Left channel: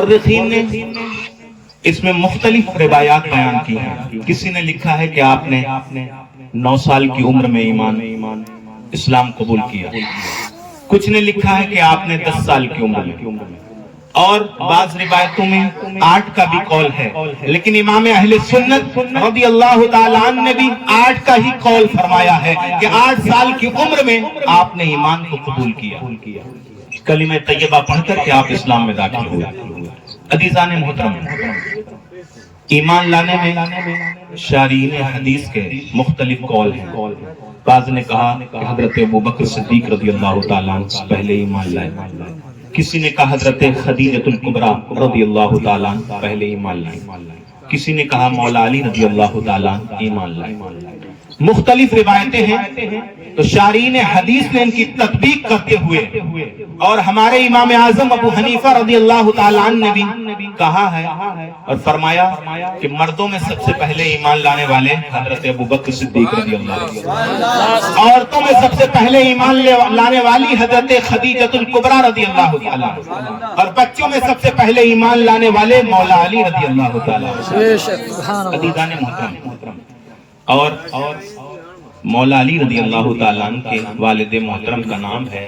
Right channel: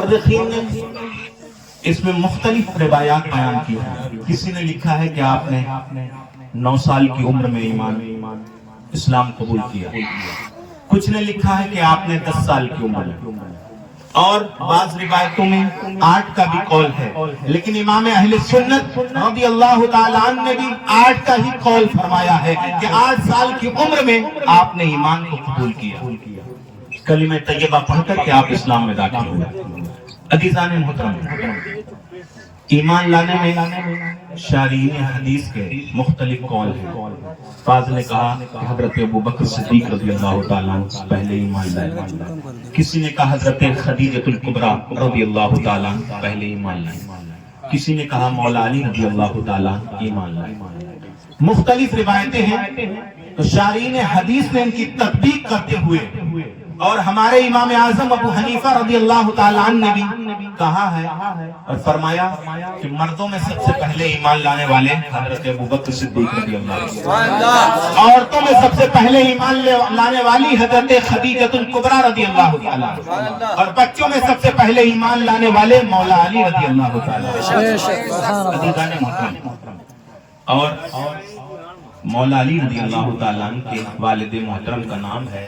مورخین نے اس میں مختلف روایات بیان کی ہیں. کسی نے لکھا ہے کہ آپ نے 9 سال کی عمر میں ایمان اسلام قبول کیا. کچھ نے لکھا ہے کہ آپ نے 10 سال کی عمر میں، اور بعض روایتوں میں 8 کا بھی قول ہے. لیکن امام اہل سنت رضی اللہ تعالیٰ عنہ نے بھی 8 کا ہی قول فرمایا ہے کہ 8 سال کی عمر میں آپ نے ایمان کو قبول کیا. کلمہ طیبہ پڑھ کر کے آپ اسلام میں داخل ہوئے. عزیزان محترم، ایمان لانے میں شارحین حدیث کے مختلف قول ہیں. بعض نے کہا کہ حضرت ابوبکر صدیق رضی اللہ تعالیٰ عنہ پہلے ایمان لائے. کسی نے کہا حضرت خدیجۃ الکبریٰ رضی اللہ تعالیٰ عنہ پہلے ایمان لائے. کسی نے کہا مولا علی رضی اللہ تعالیٰ عنہ ایمان لائے. مختلف روایتیں ہیں. تو شارحین حدیث نے ان کی تطبیق کرتے ہوئے اور ہمارے امام اعظم ابو حنیفہ رضی اللہ تعالیٰ عنہ نے بھی کہا ہے اور فرمایا کہ مردوں میں سب سے پہلے ایمان لانے والے حضرت ابوبکر صدیق رضی اللہ عنہ، عورتوں میں سب سے پہلے ایمان لانے والی حضرت خدیجۃ الکبریٰ رضی اللہ تعالیٰ عنہ، اور بچوں میں سب سے پہلے ایمان لانے والے مولا علی رضی اللہ تعالیٰ عنہ. اور مولا علی رضی اللہ تعالیٰ عنہ کے والد محترم کا نام ہے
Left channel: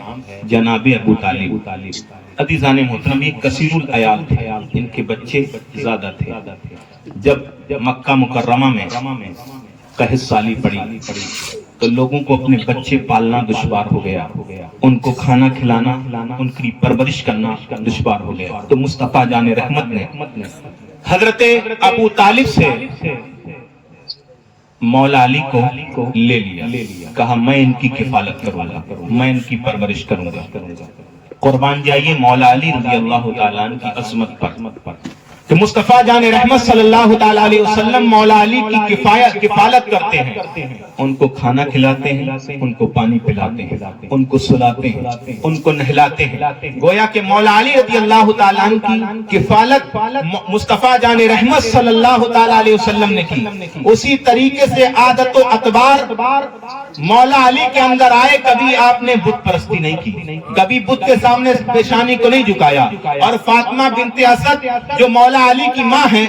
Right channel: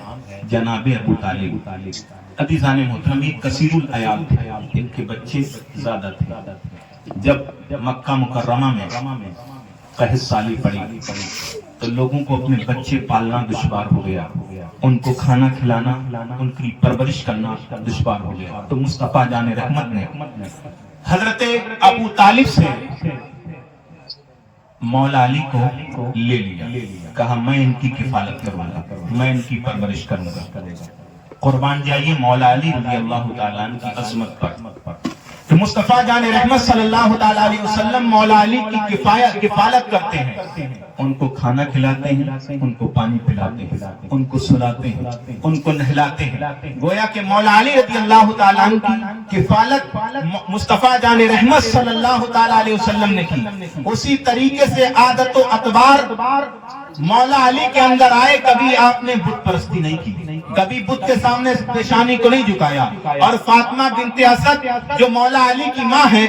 جناب ابو طالب. عزیزان محترم، یہ کثیر العیال تھے، ان کے بچے زیادہ تھے. جب مکہ مکرمہ میں قحط سالی پڑی تو لوگوں کو اپنے بچے پالنا دشوار ہو گیا، ان کو کھانا کھلانا، ان کی پرورش کرنا دشوار ہو گیا. تو مصطفیٰ جان رحمت نے حضرت ابو طالب سے مولا علی کو لے لیا. کہا میں ان کی کفالت کروں گا، میں ان کی پرورش کروں گا. قربان جائیے مولا علی رضی اللہ تعالیٰ عنہ کی عظمت پر کہ مصطفیٰ جان رحمت صلی اللہ تعالیٰ علیہ وسلم مولا علی کی کفالت کرتے ہیں. ان کو کھانا کھلاتے ہیں، ان کو پانی پلاتے ہیں، ان کو سلاتے ہیں، ان کو نہلاتے ہیں. گویا کہ مولا علی رضی اللہ تعالیٰ عنہ کی کفالت مصطفیٰ جان رحمت صلی اللہ تعالیٰ علیہ وسلم نے کی. اسی طریقے سے عادت و اعتبار مولا علی کے اندر آئے. کبھی آپ نے بت پرستی نہیں کی، کبھی بت کے سامنے پیشانی کو نہیں جھکایا. اور فاطمہ بنت اسد جو مولا علی کی ماں ہے،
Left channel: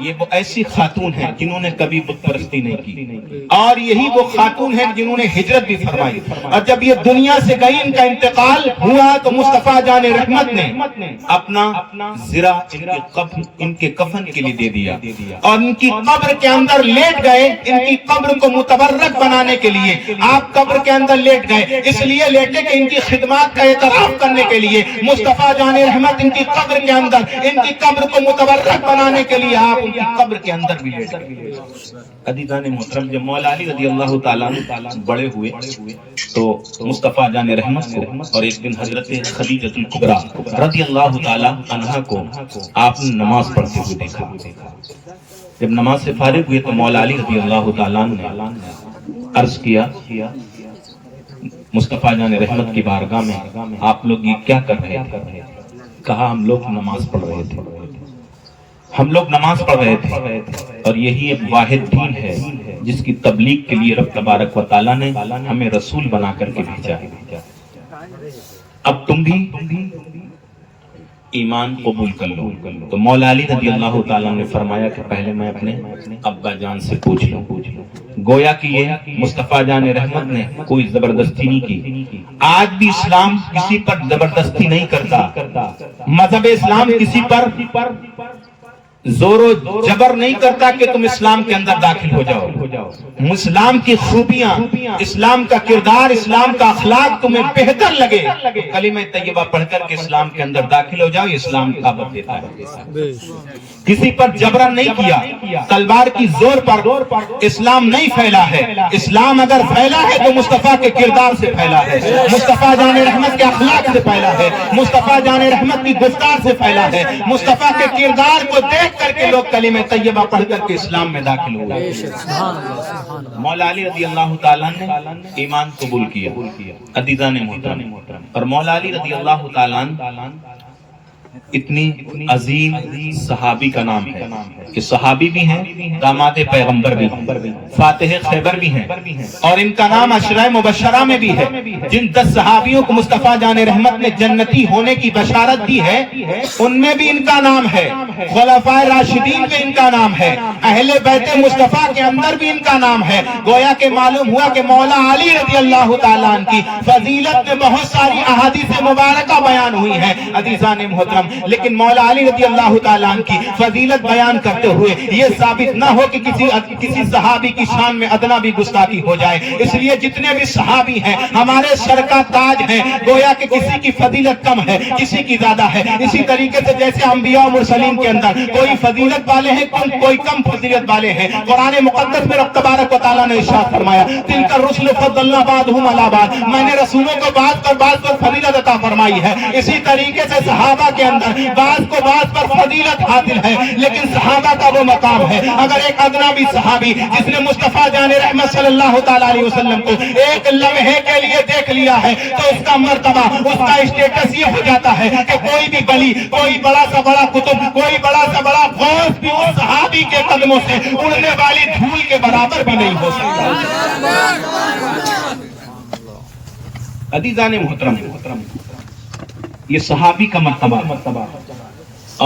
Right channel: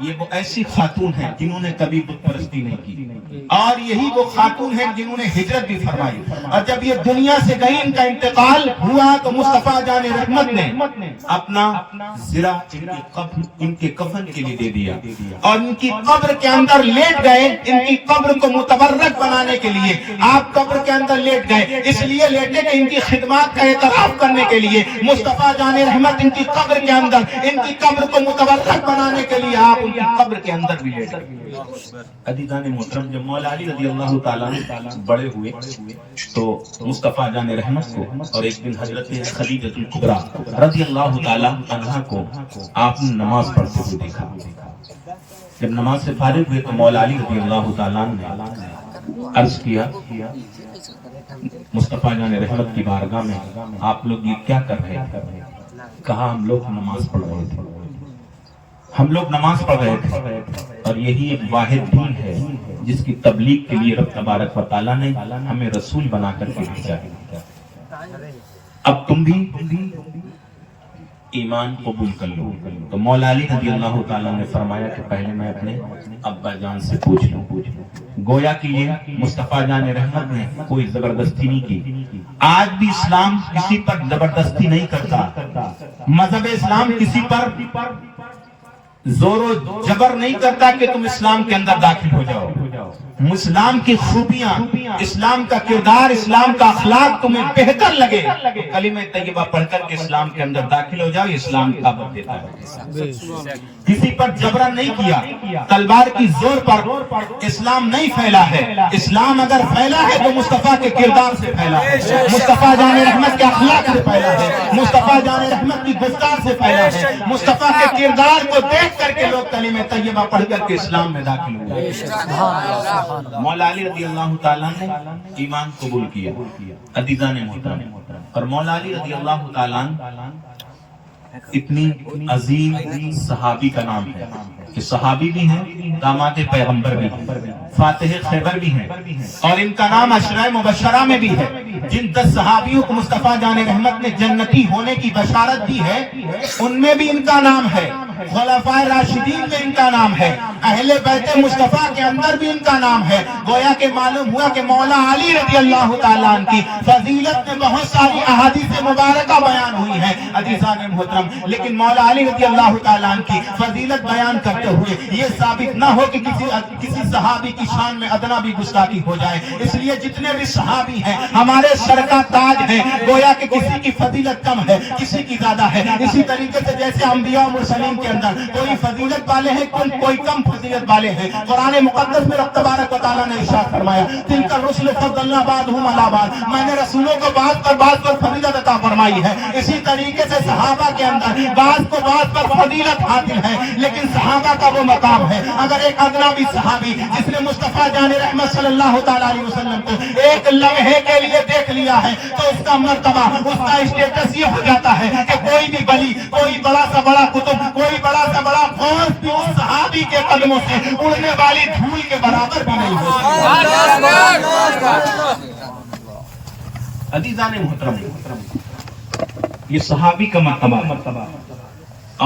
یہ وہ ایسی خاتون ہیں جنہوں نے کبھی بت پرستی نہیں کی، اور یہی وہ خاتون ہیں جنہوں نے ہجرت بھی فرمائی. اور جب یہ دنیا سے گئی، ان کا انتقال ہوا، تو مصطفیٰ جان رحمت نے اپنا زرہ ان کے کفن کے لیے دے دیا اور ان کی قبر کے اندر لیٹ گئے. ان کی قبر کو متبرک بنانے کے لیے آپ قبر کے اندر لیٹ گئے. اس لیے لیٹے کہ ان کی خدمات کا اعتراف کرنے کے لیے مصطفیٰ جان رحمت ان کی قبر کے اندر، ان کی قبر کو متبرک بنانے کے لیے آپ ان کی قبر کے اندر بھی لیٹ گئے. عزیزان محترم، جب مولا علی رضی اللہ تعالیٰ عنہ بڑے ہوئے تو مصطفیٰ جان رحمت کو اور ایک دن حضرت خدیجۃ الکبریٰ رضی اللہ تعالیٰ عنہا کو آپ نے نماز پڑھتے ہوئے دیکھا. جب نماز سے فارغ ہوئے تو مولا علی رضی اللہ تعالیٰ عنہ نے عرض کیا مصطفیٰ جان رحمت کی بارگاہ میں آپ لوگ یہ کیا کر رہے تھے؟ کہا ہم لوگ نماز پڑھ رہے تھے، ہم لوگ نماز پڑھ رہے تھے. اور یہی ایک واحد دین ہے جس کی تبلیغ کے لیے رب تبارک و تعالیٰ نے ہمیں رسول بنا کر کے بھیجا ہے. اب تم بھی ایمان قبول کر لو. تو مولا علی رضی اللہ تعالیٰ نے فرمایا کہ پہلے میں اپنے ابا جان سے پوچھ لوں. گویا کہ یہ مصطفیٰ جان رحمت نے کوئی زبردستی نہیں کی. آج بھی اسلام کسی پر زبردستی نہیں کرتا. مذہب اسلام کسی پر زور و جبر نہیں کرتا کہ تم اسلام کے اندر داخل ہو جاؤ. اسلام کی خوبیاں، اسلام کا کردار، اسلام کا اخلاق تمہیں بہتر لگے، کلمہ طیبہ پڑھ کر کے اسلام کے اندر داخل ہو جاؤ. یہ اسلام کا دعوت دیتا ہے. کسی پر جبرن نہیں کیا، تلوار کی زور پر اسلام نہیں پھیلا ہے. اسلام اگر پھیلا ہے تو مصطفیٰ کے کردار سے پھیلا ہے، مصطفیٰ جان رحمت کے اخلاق سے پھیلا ہے، مصطفیٰ جان رحمت کی گفتار سے پھیلا ہے. مصطفیٰ کے کردار کو دیکھ کر کے لوگ کلمہ طیبہ پڑھ کر کے اسلام میں داخل ہو گئے. مولا علی رضی اللہ تعالیٰ نے ایمان قبول کیا. عزیزان محترم، اور مولا علی رضی اللہ تعالیٰ اتنی عظیم صحابی کا نام ہے کہ صحابی بھی ہیں، داماد پیغمبر بھی ہیں، فاتح خیبر بھی ہیں، اور ان کا نام عشرہ مبشرہ میں بھی ہے۔ جن 10 صحابیوں کو مصطفیٰ جان رحمت نے جنتی ہونے کی بشارت دی ہے، ان میں بھی ان کا نام ہے، خلفائے راشدین میں ان کا نام ہے، اہل بیت مصطفیٰ کے اندر بھی ان کا نام ہے۔ گویا کہ معلوم ہوا کہ مولا علی رضی اللہ تعالیٰ عنہ کی فضیلت میں بہت ساری احادیث مبارکہ بیان ہوئی ہے عزیزان محترم، لیکن مولا علی رضی اللہ تعالیٰ عنہ کی فضیلت بیان کرتے ہوئے یہ ثابت نہ ہو کہ کسی صحابی کی شان میں ادنا بھی گستاخی ہو جائے۔ اس لیے جتنے بھی صحابی ہیں ہمارے سر کا تاج ہیں، گویا کہ کسی کی فضیلت کم ہے، کسی کی زیادہ ہے۔ اسی طریقے سے جیسے انبیاء و مرسلین کے اندر کوئی فضیلت والے ہیں، کوئی کم فضیلت والے ہیں۔ قرآن مقدس میں رب تبارک و تعالیٰ نے ارشاد فرمایا تلک الرسل فضلنا بعضهم علی بعض، میں نے رسولوں کو بعض پر فضیلت عطا فرمائی ہے۔ اسی طریقے سے صحابہ کے اندر بعض کو بعض پر فضیلت حاصل ہے، لیکن صحابہ کا وہ مقام ہے۔ اگر ایک ادنا بھی صحابی جس نے مصطفیٰ جان رحمت صلی اللہ تعالیٰ علیہ وسلم کو ایک لمحے کے لیے دیکھ لیا ہے تو اس کا مرتبہ، اس کا اسٹیٹس یہ ہو جاتا ہے کہ کوئی بھی ولی، کوئی بڑا سا بڑا کتب، کوئی بڑا سا بڑا غوث بھی اس صحابی کے قدموں سے اڑنے والی دھول کے برابر بھی نہیں ہو سکتا۔ عزیزان محترم، یہ صحابی کا مرتبہ،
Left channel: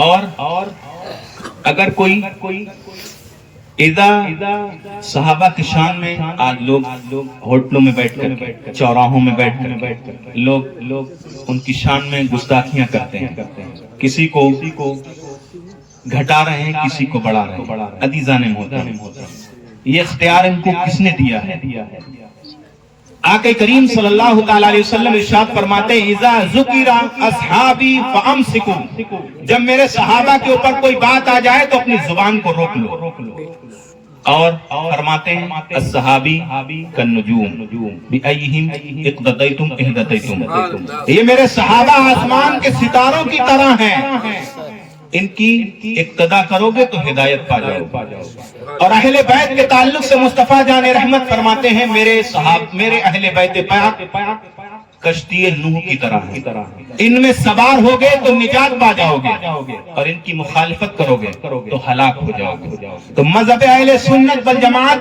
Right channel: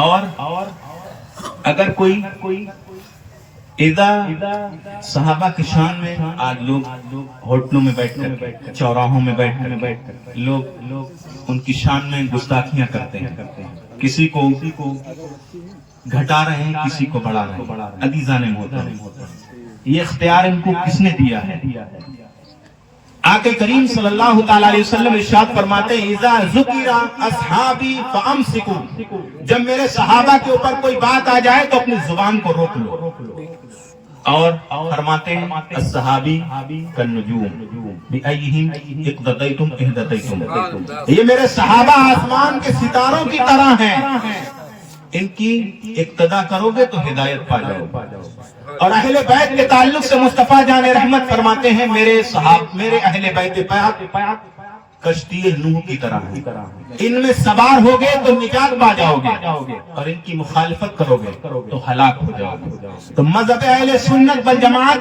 اور اگر کوئی اذا صحابہ کی شان میں آج لوگ ہوٹلوں میں بیٹھ کر، چوراہوں میں بیٹھ کر لوگ ان کی شان میں گستاخیاں کرتے ہیں، کسی کو گھٹا رہے ہیں، کسی کو بڑھا رہے ہیں۔ عزیزان محترم، یہ اختیار ان کو کس نے دیا ہے؟ آقا کریم صلی اللہ تعالیٰ علیہ وسلم ارشاد فرماتے ہیں اذا ذکر اصحابی فامسکوا، جب میرے صحابہ کے اوپر کوئی بات آ جائے تو اپنی زبان کو روک لو۔ اور فرماتے ہیں الصحابی کالنجوم بأیہم اقتدیتم اہتدیتم، یہ میرے صحابہ آسمان کے ستاروں کی طرح ہیں، ان کی اقتدا کرو گے تو ہدایت پا جاؤ گے۔ اور اہل بیت کے تعلق سے مصطفیٰ جان رحمت فرماتے ہیں میرے اہل بیت پاک کشتی نوح کی طرح، ان میں سوار ہوگے تو نجات پا جاؤ گے، اور ان کی مخالفت کرو گے تو ہلاک ہو جاؤ گے۔ تو مذہب اہل سنت والجماعت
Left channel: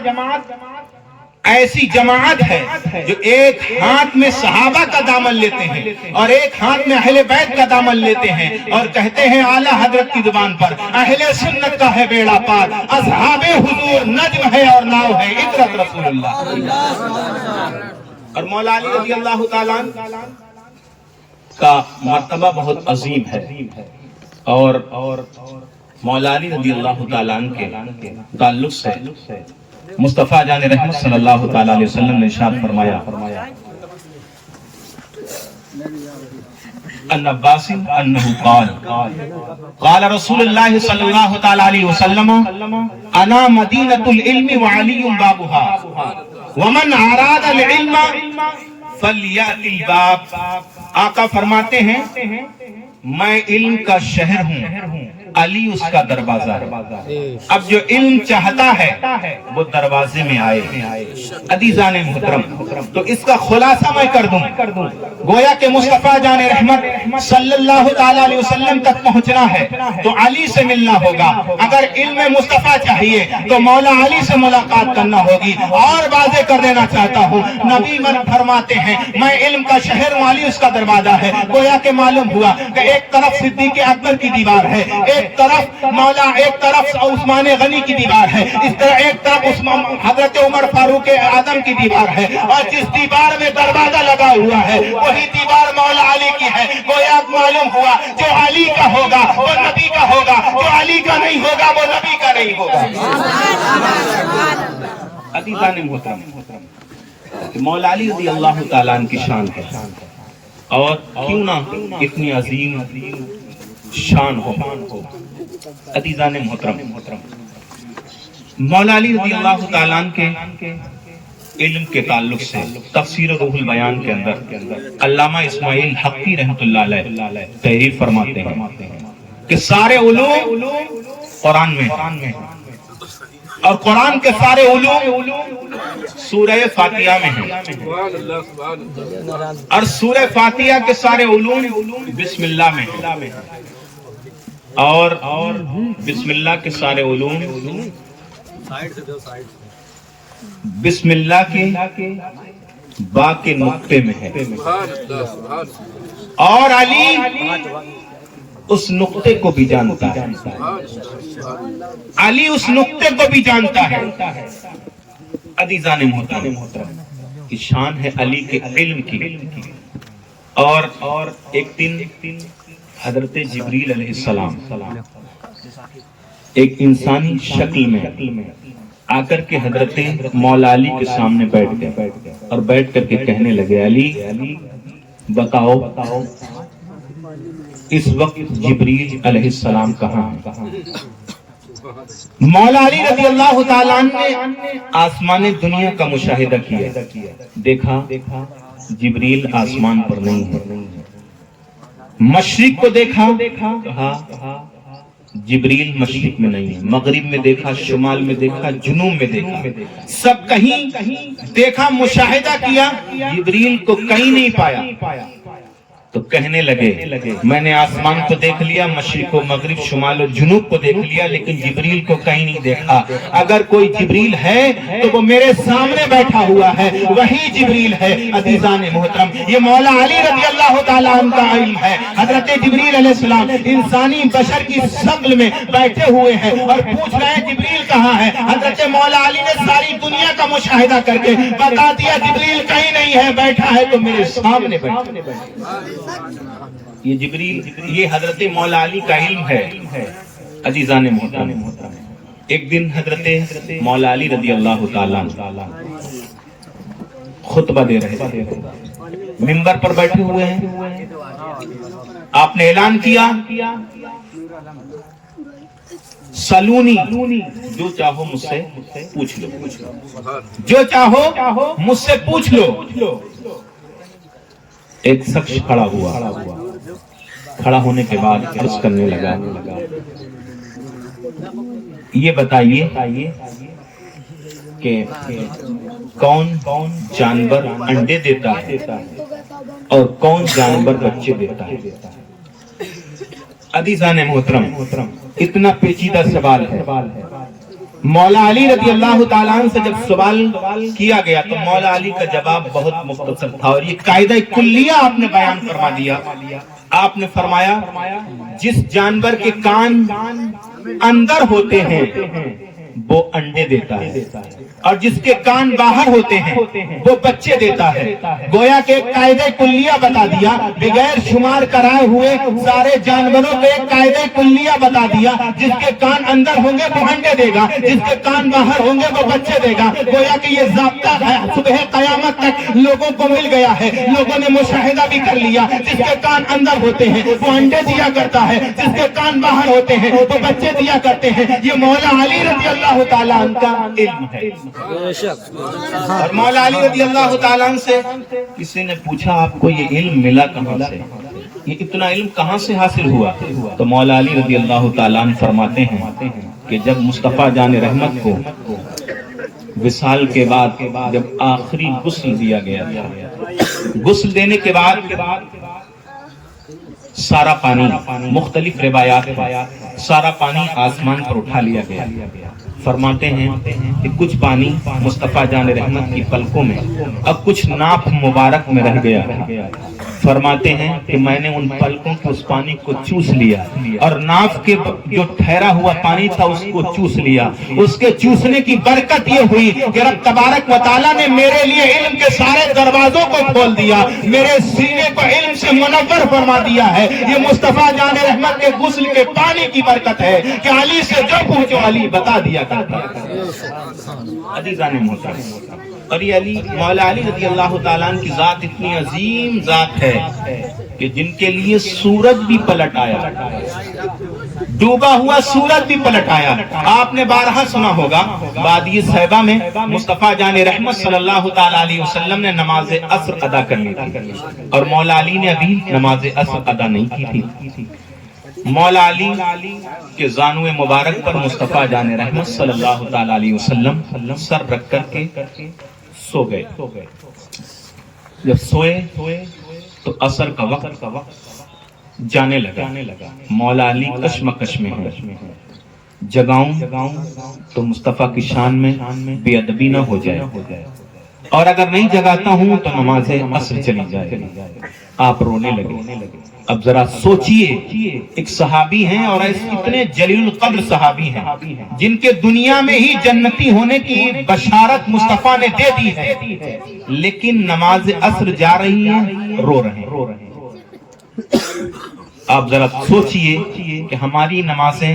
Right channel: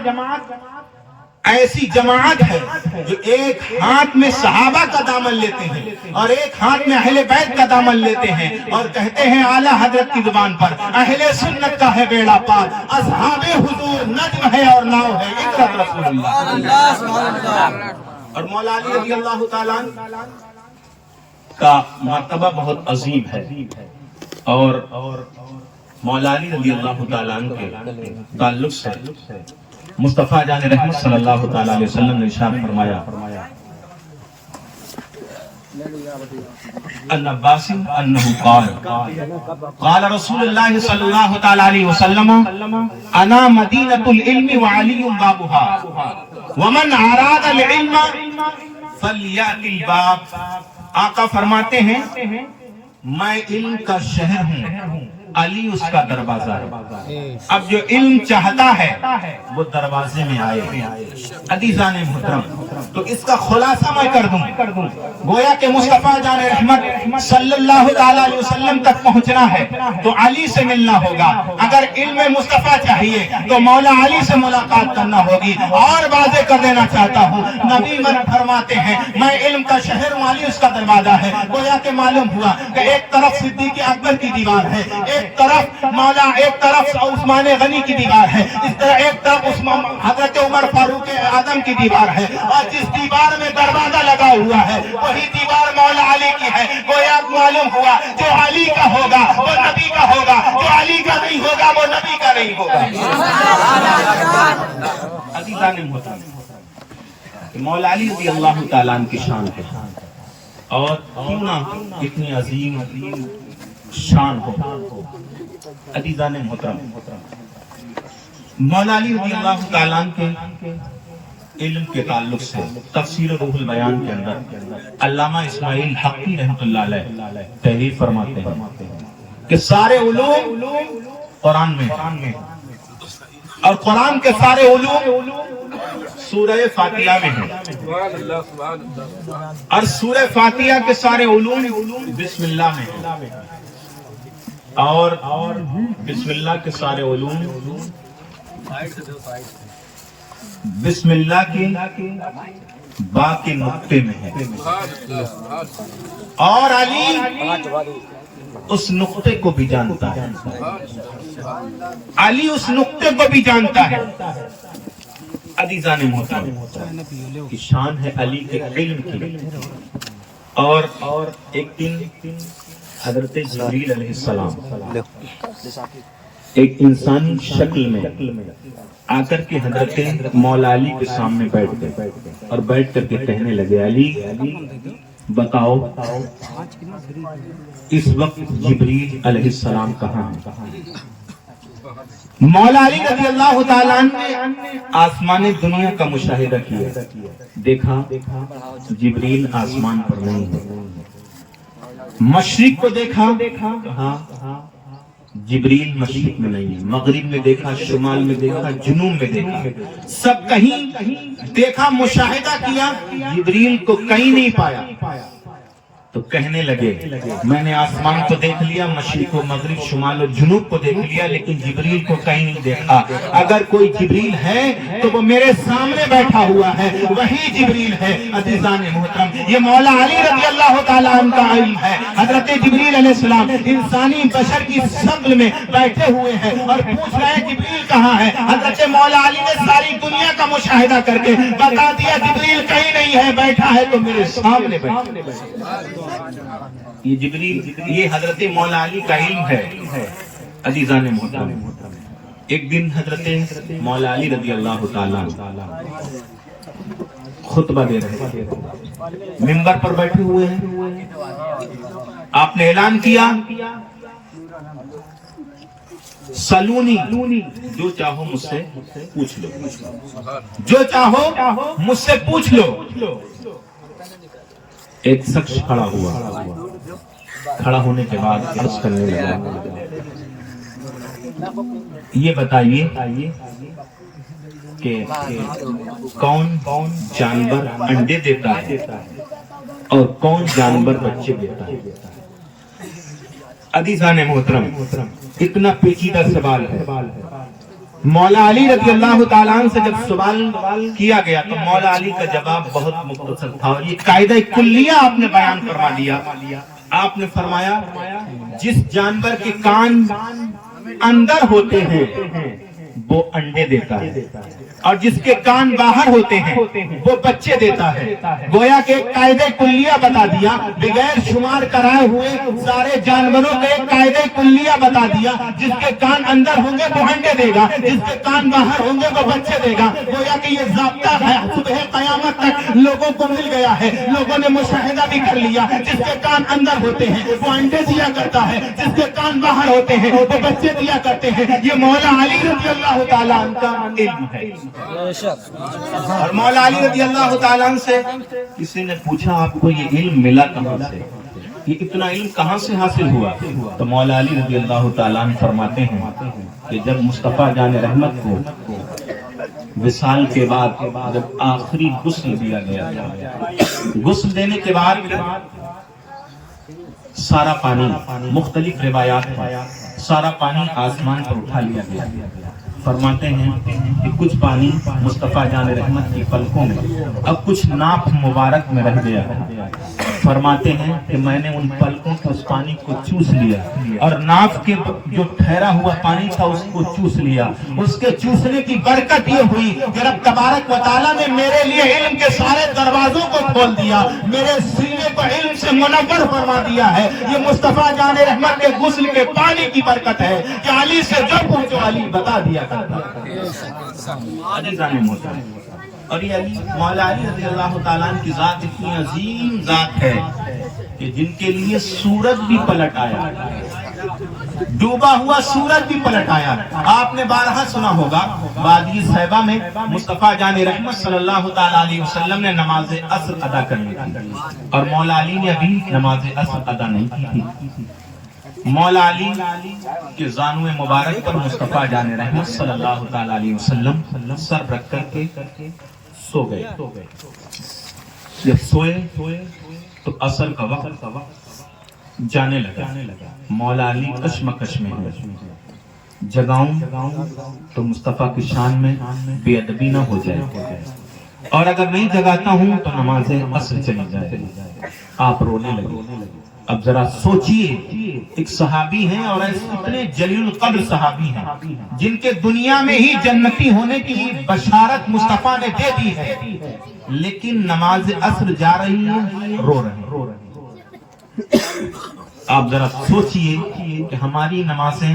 ایسی جماعت ہے جو ایک ہاتھ میں صحابہ کا دامن لیتے ہیں اور ایک ہاتھ میں اہل بیت کا دامن لیتے ہیں، اور کہتے ہیں اعلیٰ حضرت کی زبان پر اہل سنت کا ہے بیڑا پار، اصحاب حضور نجم ہے اور ناؤ ہے عطرت رسول اللہ۔ اور مولا علی رضی اللہ تعالیٰ کا مرتبہ بہت عظیم ہے، اور مولا علی رضی اللہ تعالیٰ کے تعلق سے مصطفیٰ جان رحمت صلی اللہ تعالیٰ علیہ وسلم نے ارشاد فرمایا ان عباس انہ قال رسول اللہ صلی اللہ تعالیٰ علیہ وسلم انا مدینۃ العلم وعلی بابها ومن اراد العلم فلیأت الباب۔ آقا فرماتے ہیں میں علم کا شہر ہوں، علی اس کا دروازہ ہے، اب جو علم چاہتا ہے وہ دروازے میں آئے۔ عزیزان محترم، تو اس کا خلاصہ میں کر دوں، گویا کہ مصطفیٰ جان رحمت صلی اللہ تعالیٰ علیہ وسلم تک پہنچنا ہے تو علی سے ملنا ہوگا۔ اگر علم مصطفیٰ چاہیے تو مولا علی سے ملاقات کرنا ہوگی۔ اور واضح کر دینا چاہتا ہوں، نبی فرماتے ہیں میں علم کا شہر ہوں، علی اس کا دروازہ ہے۔ گویا کہ معلوم ہوا کہ ایک طرف صدیق اکبر کی دیوار ہے، ایک طرف عثمان غنی کی دیوار ہے، اس طرح ایک طرف حضرت عمر فاروق اعظم کی دیوار ہے، اور جس دیوار میں دروازہ لگا ہوا ہے وہی دیوار مولا علی کی ہے۔ گویا معلوم ہوا جو علی کا ہوگا وہ نبی کا ہوگا، جو علی کا نہیں ہوگا وہ نبی کا نہیں ہوگا۔ عزیزان محترم، مولا علی رضی اللہ تعالیٰ عنہ کی شان ہے، اور کیوں نہ اتنی عظیم شان ہو۔ عزیزان محترم، مولا علی رضی اللہ تعالیٰ عنہ کے علم کے تعلق سے تفسیر روح البیان کے اندر علامہ اسماعیل حقی رحمۃ اللہ علیہ تحریر فرماتے ہیں کہ سارے علوم قرآن میں ہیں، اور قرآن کے سارے علوم سورہ فاتحہ میں ہیں، اور سورہ فاتحہ کے سارے علوم بسم اللہ میں ہیں۔ اور بسم اللہ کے سارے علوم بسم اللہ کے با کے نقطے میں ہے، اور علی اس نقطے کو بھی جانتا ہے، علی اس نقطے کو بھی جانتا ہے۔ عزیزان محترم، کی شان ہے علی کے علم کی۔ اور ایک دن حضرت جبریل علیہ السلام ایک انسانی شکل میں آ کر کے حضرت مولا علی کے سامنے بیٹھ گئے اور بیٹھ کر کے کہنے لگے، علی بتاؤ اس وقت جبریل علیہ السلام کہاں ہے؟ مولا علی رضی اللہ تعالیٰ عنہ نے آسمان دنیا کا مشاہدہ کیا، دیکھا جبریل آسمان پر نہیں ہے۔ مشرق کو دیکھا، کہا جبریل مشرق میں نہیں ہے۔ مغرب میں دیکھا، شمال میں دیکھا، جنوب میں دیکھا، سب کہیں دیکھا، مشاہدہ کیا، جبریل کو کہیں نہیں پایا۔ تو کہنے لگے میں نے آسمان کو دیکھ لیا، مشرق و مغرب، شمال و جنوب کو دیکھ لیا، لیکن جبریل کو کہیں نہیں دیکھا۔ اگر کوئی جبریل ہے تو وہ میرے سامنے بیٹھا ہوا ہے، وہی جبریل ہے۔ عزیزان محترم، یہ مولا علی رضی اللہ تعالیٰ عنہ کا علم ہے۔ حضرت جبریل علیہ السلام انسانی بشر کی شکل میں بیٹھے ہوئے ہیں اور پوچھ رہے ہیں جبریل کہاں ہے۔ حضرت مولا علی نے ساری دنیا کا مشاہدہ کر کے بتا دیا جبریل کہیں نہیں ہے، بیٹھا ہے تو میرے سامنے بیٹھا۔ یہ جبریل، یہ حضرت مولا علی کا علم ہے۔ عزیزان محترم، ایک دن حضرت مولا علی رضی اللہ تعالیٰ خطبہ دے رہے تھے، منبر پر بیٹھے ہوئے ہیں۔ آپ نے اعلان کیا، سلونی، جو چاہو مجھ سے پوچھ لو، جو چاہو مجھ سے پوچھ لو۔ ایک شخص کھڑا ہوا، کھڑا ہونے کے بعد عرض کرنے لگا، یہ بتائیے کہ کون جانور انڈے دیتا ہے اور کون جانور بچے دیتا ہے؟ عزیزان محترم، اتنا پیچیدہ سوال ہے۔ مولا علی رضی اللہ تعالیٰ عنہ سے جب سوال کیا گیا تو مولا علی کا جواب بہت مختصر تھا، اور یہ قاعدہ کلیہ آپ نے بیان فرما دیا۔ آپ نے فرمایا جس جانور کے کان اندر ہوتے ہیں وہ انڈے دیتا ہے، اور جس کے کان باہر ہوتے ہیں وہ بچے دیتا ہے۔ گویا کہ قاعدہ کلیہ بتا دیا، بغیر شمار کرائے ہوئے سارے جانوروں کے قاعدہ کلیہ بتا دیا۔ جس کے کان اندر ہوں گے وہ انڈے دے گا، جس کے کان باہر ہوں گے وہ بچے دے گا۔ گویا کہ یہ ضابطہ ہے، صبح قیامت تک لوگوں کو مل گیا ہے، لوگوں نے مشاہدہ بھی کر لیا۔ جس کے کان اندر ہوتے ہیں وہ انڈے دیا کرتا ہے، جس کے کان باہر ہوتے ہیں وہ بچے دیا کرتے ہیں۔ یہ مولا علی رضی اللہ تعالیٰ عنہ کا علم ہے۔ اور مولا علی رضی اللہ تعالیٰ عنہ سے کسی نے پوچھا آپ کو یہ علم ملا کہاں سے، یہ اتنا علم کہاں سے حاصل ہوا؟ تو مولا علی رضی اللہ تعالیٰ عنہ فرماتے ہیں کہ جب مصطفیٰ جان رحمت کو وصال کے بعد جب آخری غسل دیا گیا، غسل دینے کے بعد سارا پانی، مختلف روایات سارا پانی آسمان پر اٹھا لیا گیا۔ فرماتے ہیں کہ کچھ پانی مصطفیٰ جان رحمت کی پلکوں میں اب کچھ ناف مبارک میں رہ گیا۔ فرماتے ہیں کہ میں نے ان پلکوں کے اس پانی کو چوس لیا، اور ناف کے جو ٹھہرا ہوا پانی تھا اس کو چوس لیا۔ اس کے چوسنے کی برکت یہ ہوئی کہ رب تبارک و تعالیٰ نے میرے لیے علم کے سارے دروازوں کو کھول دیا، میرے سینے کو علم سے منور فرما دیا ہے۔ یہ مصطفیٰ جان رحمت کے غسل کے پانی کی برکت ہے کہ علی سے جو پوچھو علی بتا دیا کرتا ہے۔ اور یہ علی، مولا علی رضی اللہ تعالیٰ عنہ کی ذات اتنی عظیم ذات ہے کہ جن کے لیے سورج بھی پلٹ آیا، ڈوبا ہوا سورج بھی پلٹ آیا۔ آپ نے بارہا سنا ہوگا، وادی صحبہ میں مصطفیٰ جان رحمت صلی اللہ تعالیٰ علیہ وسلم نے نماز عصر ادا کرنی تھی، اور مولا علی نے ابھی نماز عصر ادا نہیں کی تھی۔ مولا علی کے زانو مبارک پر مصطفیٰ جان رحمت صلی اللہ تعالیٰ علیہ وسلم سر رکھ کر کے سو گئے۔ جب سوئے تو عصر کا وقت جانے لگا مولا علی کشمکش میں ہے، جگاؤں تو مصطفیٰ کی شان میں بے ادبی نہ ہو جائے، اور اگر نہیں جگاتا ہوں تو نماز عصر چلی جائے۔ آپ رونے لگے۔ اب ذرا سوچئے، ایک صحابی ہیں اور اتنے جلیل القدر صحابی ہیں جن کے دنیا میں ہی جنتی ہونے کی بشارت مصطفیٰ نے دے دی ہے، لیکن نماز عصر جا رہی ہیں، رو رہے ہیں۔ آپ ذرا سوچئے کہ ہماری نمازیں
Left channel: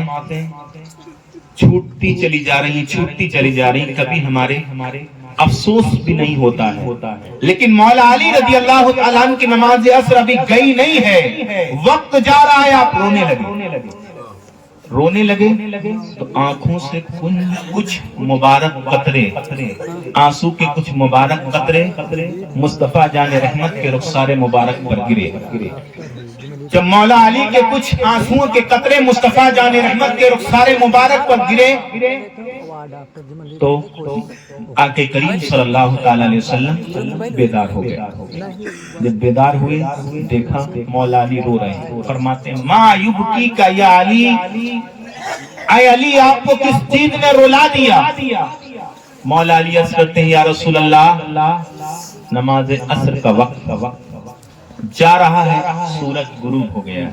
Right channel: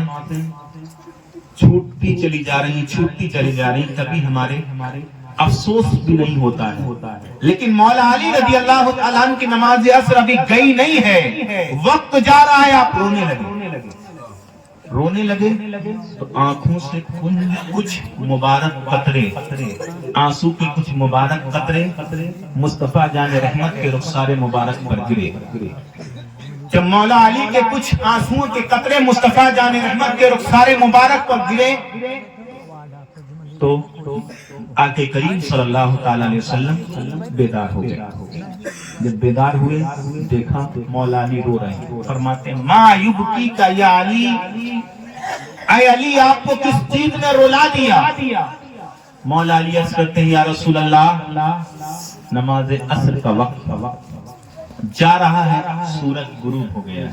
چھوٹتی چلی جا رہی، کبھی ہمارے افسوس بھی نہیں ہوتا ہے، لیکن مولا علی رضی اللہ تعالیٰ عنہ کی نماز عصر ابھی گئی نہیں ہے، وقت جا رہا ہے۔ آپ رونے لگے تو آنکھوں سے کچھ مبارک قطرے، آنسو کے کچھ مبارک قطرے مصطفیٰ جان رحمت کے رخسار مبارک پر گرے۔ جب مولا علی کے کچھ آنسوؤں کے قطرے مصطفیٰ جان رحمت کے رخسار مبارک پر گرے تو آقا کریم صلی اللہ تعالیٰ علیہ وسلم بیدار ہو گئے۔ جب بیدار ہوئے دیکھا مولا علی رو رہے ہیں، فرماتے ہیں ما یبکی کا یا علی، اے علی آپ کو کس چیز نے رلا دیا؟ مولا علی عرض کرتے ہیں یا رسول اللہ نماز عصر کا وقت جا رہا ہے، سورج غروب ہو گیا۔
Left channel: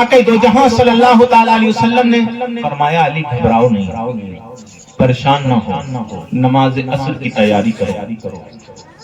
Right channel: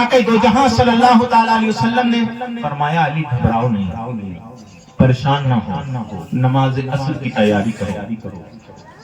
آقا دو جہاں صلی اللہ تعالیٰ علیہ وسلم نے فرمایا علی گھبراؤ نہیں، پریشان نہ ہو، نماز عصر کی تیاری کرو۔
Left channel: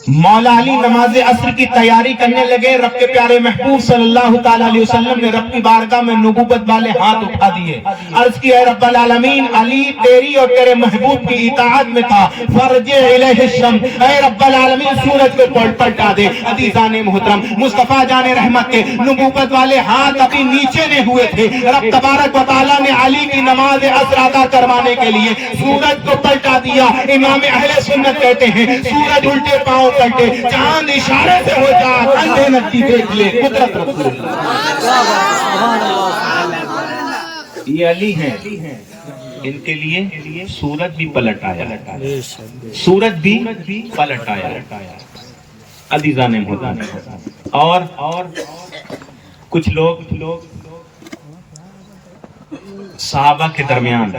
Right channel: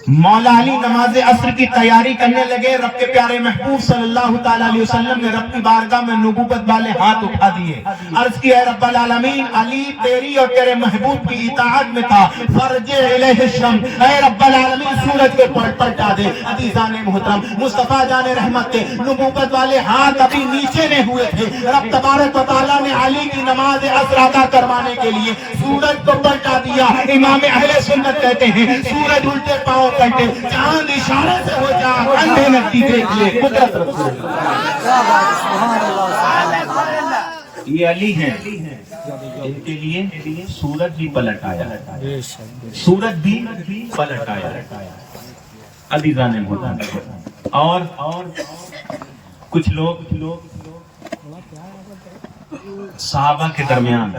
مولا علی نماز عصر کی تیاری کرنے لگے۔ رب کے پیارے محبوب صلی اللہ تعالیٰ علیہ وسلم نے رب کی بارگاہ میں نبوت والے ہاتھ اٹھا دیے، عرض کیا اے رب العالمین علی تیری اور تیرے محبوب کی اطاعت میں تھا، فرجع الیہ الشمس، اے رب العالمین سورج کو پلٹا دے۔ عزیزان محترم مصطفیٰ جان رحمت کے نبوت والے ہاتھ ابھی نیچے نہیں ہوئے تھے، رب تبارک و تعالیٰ نے علی کی نماز عصر ادا کروانے کے لیے سورج کو پلٹا دیا۔ امام اہل سنت کہتے ہیں سورج الٹے پاؤں پلٹے، چاند اشارے سے ہو جا، اندھے نتی دیکھ لے۔ یہ علی ہیں، ان کے لیے سورج بھی پلٹ آیا، سورج بھی پلٹ آیا۔ عزیزان محترم اور کچھ لوگ صحابہ کے درمیان،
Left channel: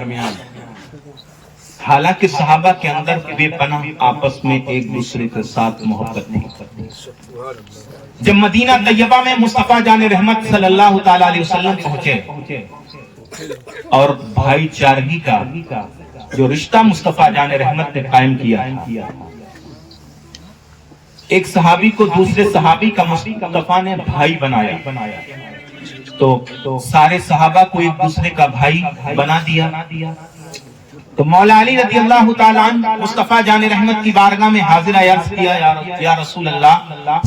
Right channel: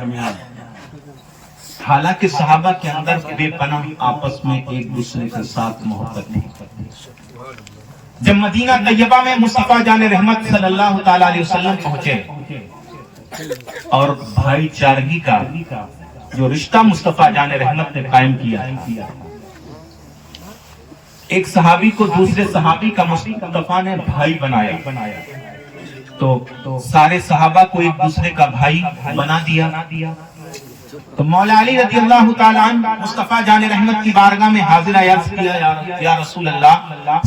حالانکہ صحابہ کے اندر بے پناہ آپس میں ایک دوسرے کے ساتھ محبت تھی۔ جب مدینہ طیبہ میں مصطفیٰ جان رحمت صلی اللہ تعالیٰ علیہ وسلم پہنچے اور بھائی چارگی کا جو رشتہ مصطفیٰ جان رحمت نے قائم کیا، ایک صحابی کو دوسرے صحابی کا مصطفیٰ نے بھائی بنایا، تو سارے صحابہ کو ایک دوسرے کا بھائی بنا دیا۔ تو مولا علی رضی اللہ تعالیٰ عنہ مصطفیٰ جان رحمت کی بارگاہ میں حاضر عرض کیا یا رسول اللہ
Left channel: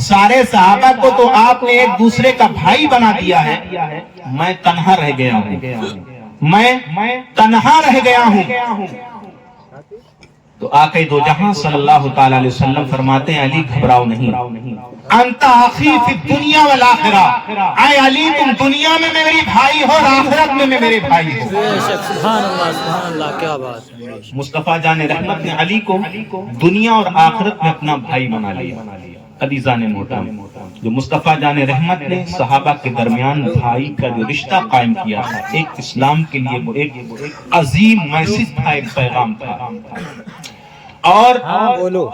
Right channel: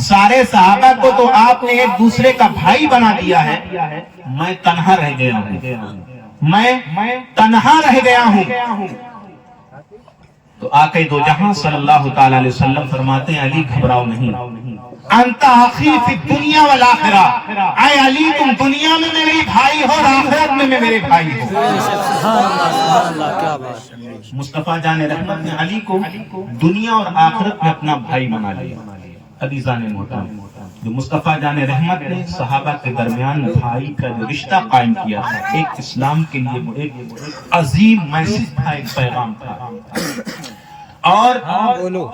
سارے صحابہ کو تو آپ نے ایک دوسرے کا بھائی بنا دیا ہے، میں تنہا رہ گیا ہوں۔ تو آقا دو جہاں صلی اللہ تعالیٰ علیہ وسلم فرماتے ہیں علی گھبراؤ نہیں، انت اخی فی الدنیا والآخرہ، اے علی تم دنیا میں میرے بھائی ہو اور آخرت میں میرے بھائی ہو۔ سبحان اللہ کیا بات ہے۔ مصطفیٰ جان رحمت نے علی کو دنیا اور آخرت میں اپنا بھائی بنا لیا۔ عزیزان محترم جو مصطفیٰ جان رحمت نے صحابہ کے درمیان بھائی کا جو رشتہ قائم کیا، ایک اسلام کے لیے وہ ایک عظیم میسج تھا، ایک پیغام تھا۔ اور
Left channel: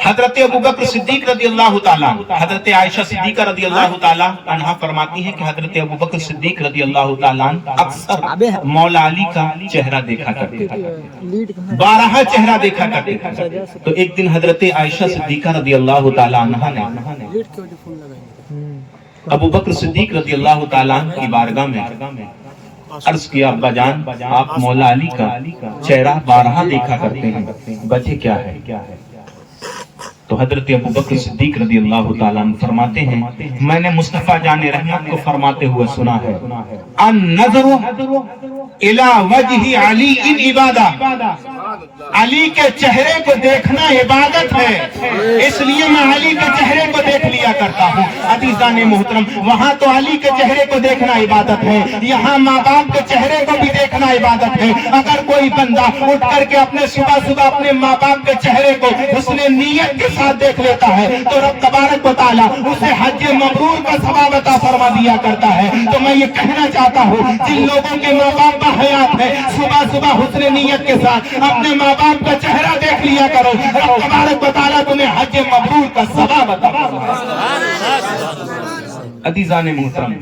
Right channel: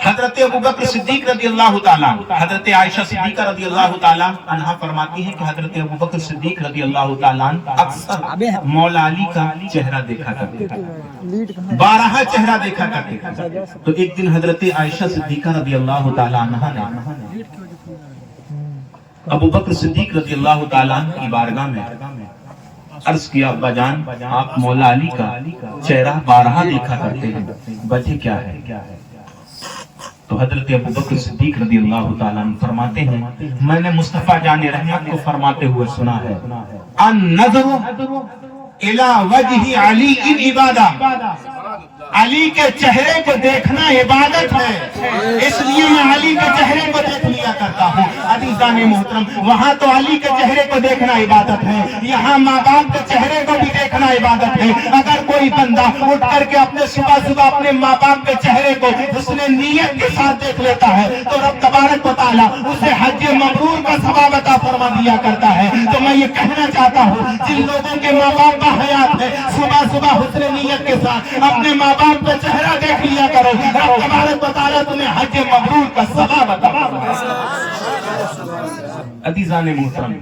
حضرت ابوبکر صدیق رضی اللہ تعالیٰ، حضرت عائشہ صدیقہ رضی اللہ تعالیٰ عنہ فرماتی ہے کہ حضرت ابوبکر صدیق رضی اللہ تعالیٰ اکثر مولا علی کا چہرہ دیکھا کرتے تھے، 12 چہرہ دیکھا کرتے تھے۔ تو ایک دن حضرت عائشہ صدیقہ رضی اللہ تعالیٰ عنہ نے ابوبکر صدیق رضی اللہ تعالیٰ عنہ کی بارگاہ میں عرض کیا ابا جان آپ مولا علی کا چہرہ 12 دیکھا کرتے ہیں، وجہ کیا ہے؟ تو حضرت ابوبکر صدیق رضی اللہ تعالیٰ عنہ فرماتے ہیں میں نے مصطفیٰ جان رحمت کو فرماتے ہوئے سنا ہے النظر الی وجہ علی عبادہ، علی کے چہرے کو دیکھنا عبادت ہے، اس لیے میں علی کے چہرے کو دیکھ لیا کرتا ہوں۔ عزیزان محترم وہاں تو علی کے چہرے کو دیکھنا عبادت ہے، یہاں ماں باپ کے چہرے کو بھی دیکھنا عبادت ہے۔ اگر کوئی بندہ اٹھ کر کے اپنے صبح اپنے ماں باپ کے چہرے کو حسن نیت کے ساتھ دیکھ لیتا ہے تو رب تبارک و تعالیٰ اسے حج مبرور کا ثواب عطا فرما دیا کرتا ہے. تو میں یہ کہنا چاہتا ہوں جن لوگوں کے ماں باپ باحیات ہیں صبح صبح حسن نیت کے ساتھ اپنے ماں باپ کا چہرہ دیکھ لیا کرو. رب تبارک و تعالیٰ تمہیں حج مبرور کا ثواب عطا فرمائے. عزیزان محترم،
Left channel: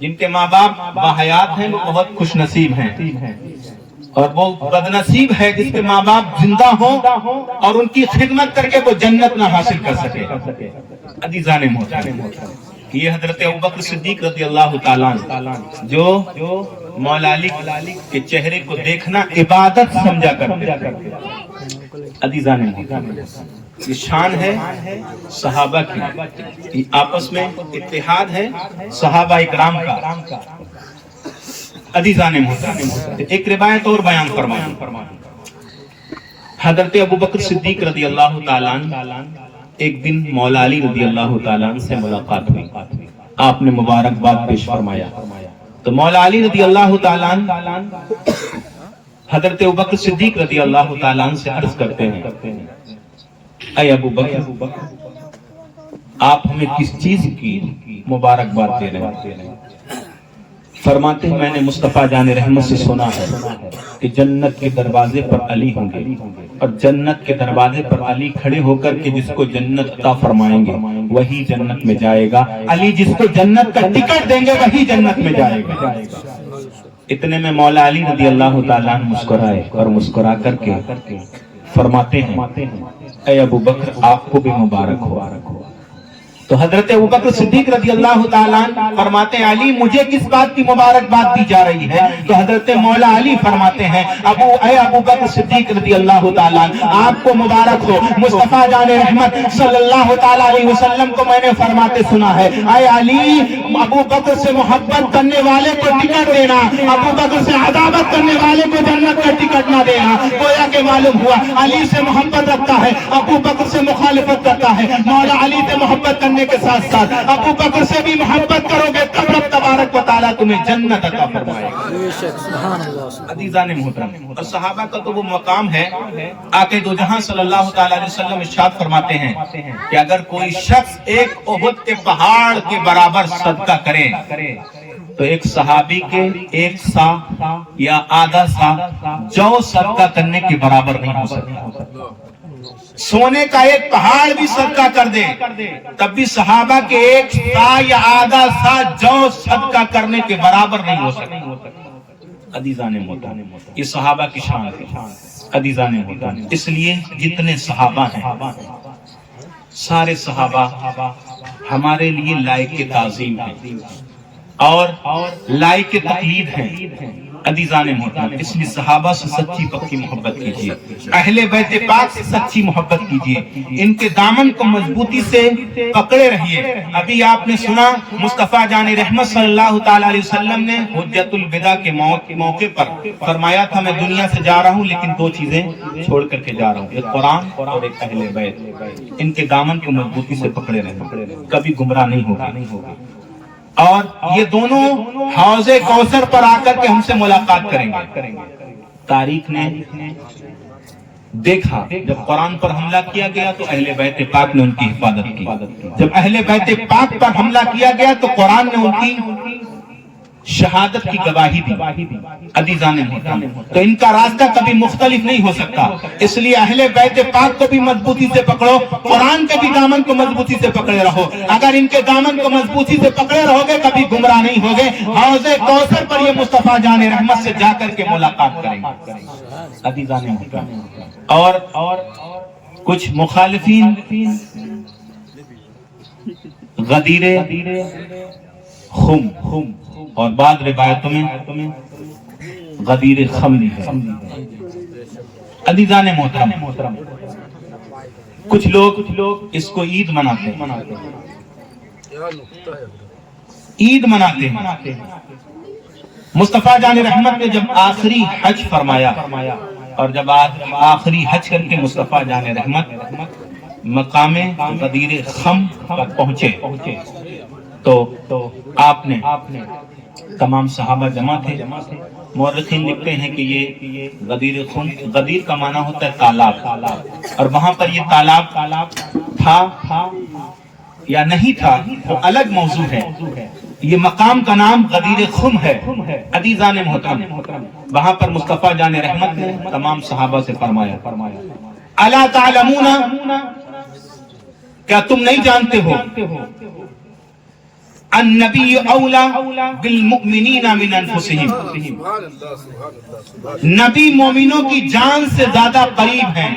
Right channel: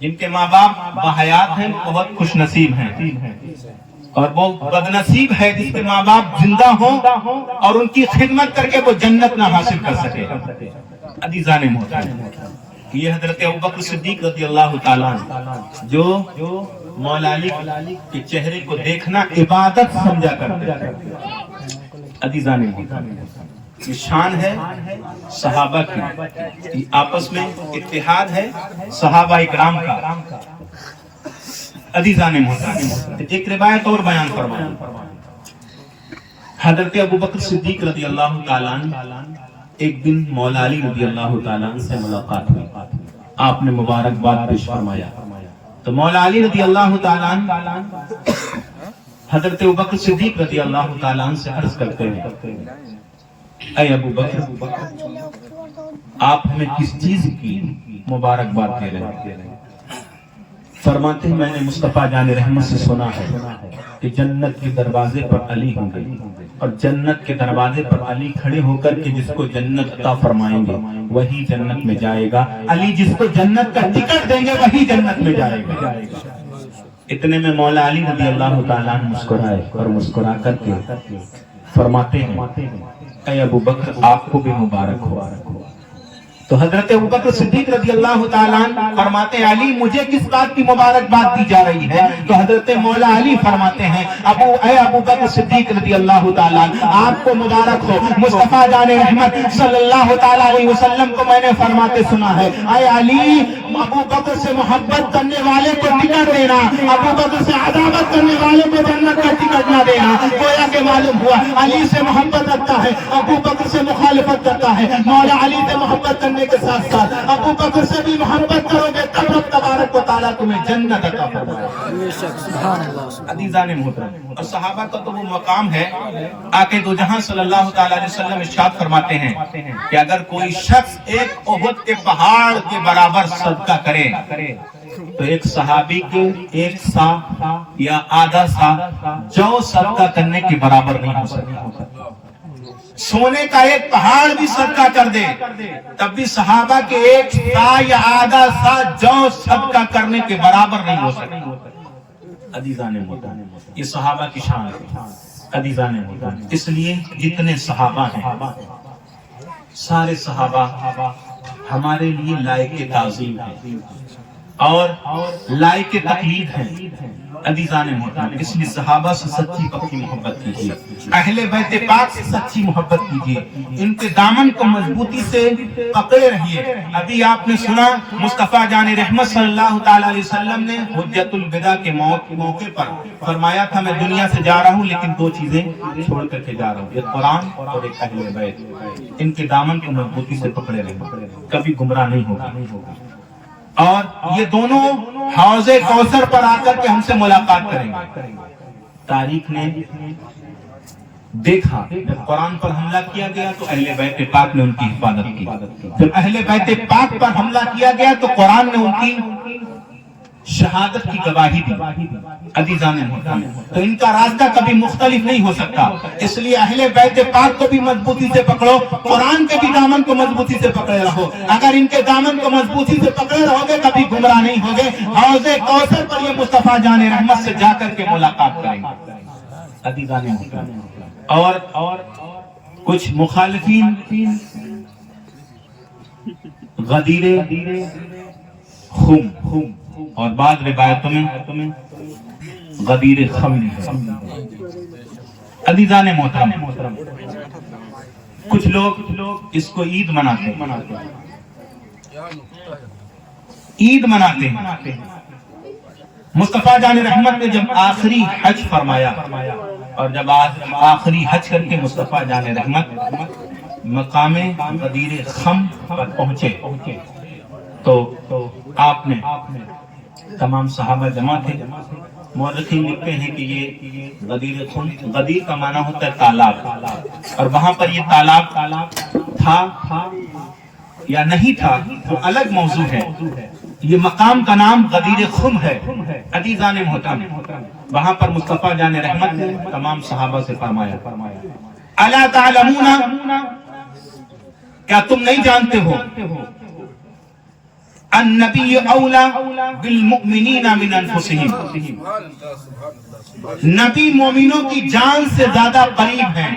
جن کے ماں باپ باحیات ہیں وہ بہت خوش نصیب ہیں، اور وہ بدنصیب ہے جس کے ماں باپ زندہ ہوں اور ان کی خدمت کر کے وہ جنت نہ حاصل کر سکے. عزیزان محترم، یہ حضرت ابوبکر صدیق رضی اللہ تعالیٰ عنہ جو مولا علی کے چہرے کو دیکھنا عبادت سمجھا کرتے. عزیزان محترم، یہ شان ہے صحابہ کی، یہ آپس میں اتحاد ہے صحابہ اکرام کا. عزیزان محترم، ایک روایت اور بیان فرمائیں. حضرت ابوبکر صدیق رضی اللہ تعالیٰ عنہ ایک دن مولا علی رضی اللہ تعالیٰ عنہ سے ملاقات ہوئی. آپ نے مبارکباد پیش فرمایا تو مولا علی رضی اللہ تعالیٰ عنہ حضرت ابوبکر صدیق رضی اللہ تعالیٰ عنہ سے عرض کرتے ہیں، اے ابو بکر، آپ ہمیں کس چیز کی مبارکباد دے رہے ہیں؟ فرماتے ہیں میں نے مصطفیٰ جان رحمت سے سنا ہے کہ جنت کے دروازے پر علی ہوں گے، اور جنت کے دروازے پر علی کھڑے ہو کر کے جس کو جنت عطا فرمائیں گے وہی جنت میں جائے گا. علی جس کو جنت کا ٹکٹ دیں گے وہی جنت میں جائے گا. اتنے میں مولا علی رضی اللہ تعالیٰ عنہ مسکرائے اور مسکرا کر کے فرماتے ہیں، اے ابو بکر آپ کو بھی مبارک ہو. تو حضرت ابوبکر صدیق رضی اللہ تعالیٰ عنہ فرماتے ہیں، علی مجھے کس بات کی مبارکباد دی جا رہی ہے؟ تو حضرت مولا علی فرماتے ہیں، اے ابوبکر صدیق رضی اللہ تعالیٰ عنہ آپ کو مبارک ہو. مصطفیٰ جان رحمت صلی اللہ تعالیٰ علیہ وسلم کو میں نے فرماتے سنا ہے، اے علی ابوبکر سے محبت کرنے والے کو ٹکٹ دینا، ابوبکر سے عداوت کرنے والے کو جنت کا ٹکٹ نہ دینا. گویا کہ معلوم ہوا علی سے محبت رکھتا ہے، ابوبکر سے مخالفت کرتا ہے. مولا علی سے محبت کرنے کے ساتھ ساتھ ابو بکر سے بھی محبت کرو گے تب رب تبارک و تعالیٰ تمہیں جنت عطا فرمائے گا. بے شک، سبحان اللہ. عزیزان محترم، اور صحابہ کا تو وہ مقام ہے، آقا دو جہاں صلی اللہ تعالیٰ علیہ وسلم ارشاد فرماتے ہیں کہ اگر کوئی شخص ایک احد کے پہاڑ کے برابر صدقہ کرے تو ایک صحابی کے ایک سا یا آدھا سا جو صدقہ کرنے کے برابر نہیں ہو سکتا. سونے کا ایک پہاڑ بھی صدقہ کر دے تب بھی صحابہ کے ایک سا یا آدھا سا جو صدقہ کرنے کے برابر نہیں ہو سکتا. عزیزان محترم، یہ صحابہ کی شان ہے. عزیزان محترم، اس لیے جتنے صحابہ ہیں سارے صحابہ ہمارے لیے لائق تعظیم ہیں اور لائق تقلید ہیں. عزیزان محترم، اس لیے صحابہ سے سچی پکی محبت کیجیے، اہل بیت پاک سے سچی محبت کیجیے، ان کے دامن کو مضبوطی سے پکڑے رہیے. ابھی آپ نے سنا مصطفیٰ جان رحمت صلی اللہ تعالیٰ علیہ وسلم نے حجت الوداع کے موقع پر فرمایا تھا، میں دنیا سے جا رہا ہوں لیکن دو چیزیں چھوڑ کر کے جا رہا ہوں، ایک قرآن اور ایک اہل بیت. ان کے دامن کو مضبوطی سے پکڑے رہے، کبھی گمراہ نہیں ہوگا. اور یہ دونوں حوض کوثر پر آ کر کے ہم سے ملاقات کریں گے. تاریخ نے دیکھا جب قرآن پر حملہ کیا گیا تو اہل بیت پاک نے ان کی حفاظت کی، جب اہل بیت پاک پر حملہ کیا گیا تو قرآن نے ان کی شہادت کی گواہی دی. عزیزان محترم، تو ان کا راستہ کبھی مختلف نہیں ہو سکتا. اس لیے اہل بیت پاک کو بھی مضبوطی سے پکڑو، قرآن کے بھی دامن کو مضبوطی سے پکڑے رہو. اگر ان کے دامن کو مضبوطی سے پکڑے رہو گے کبھی گمراہ نہیں ہوگے. حوض کوثر پر یہ مصطفیٰ جان رحمت سے جا کر کے ملاقات کریں گے. عزیزان محترم، اور کچھ مخالفین غدیر خم اور بعض روایتوں میں غدیر خم ہے. عزیزان محترم، کچھ لوگ اس کو عید مناتے ہیں. مصطفیٰ جان رحمت نے جب آخری حج فرمایا اور جب آخری حج کر کے مصطفیٰ جان رحمت مقام غدیر خم پر پہنچے تو آپ نے تمام صحابہ جمع تھے. مورخین لکھتے ہیں کہ یہ غدیر کا معنی ہوتا ہے تالاب، اور وہاں پر یہ تالاب تھا یا نہیں تھا وہ الگ موضوع ہے، یہ مقام کا نام غدیر خم ہے. عزیزان محترم، وہاں پر مصطفیٰ جان رحمت نے تمام صحابہ سے فرمایا الا تعلمون، کیا تم نہیں جانتے ہو النبی اولا بالمؤمنین من انفسہم، نبی مومنوں کی جان سے زیادہ قریب ہیں.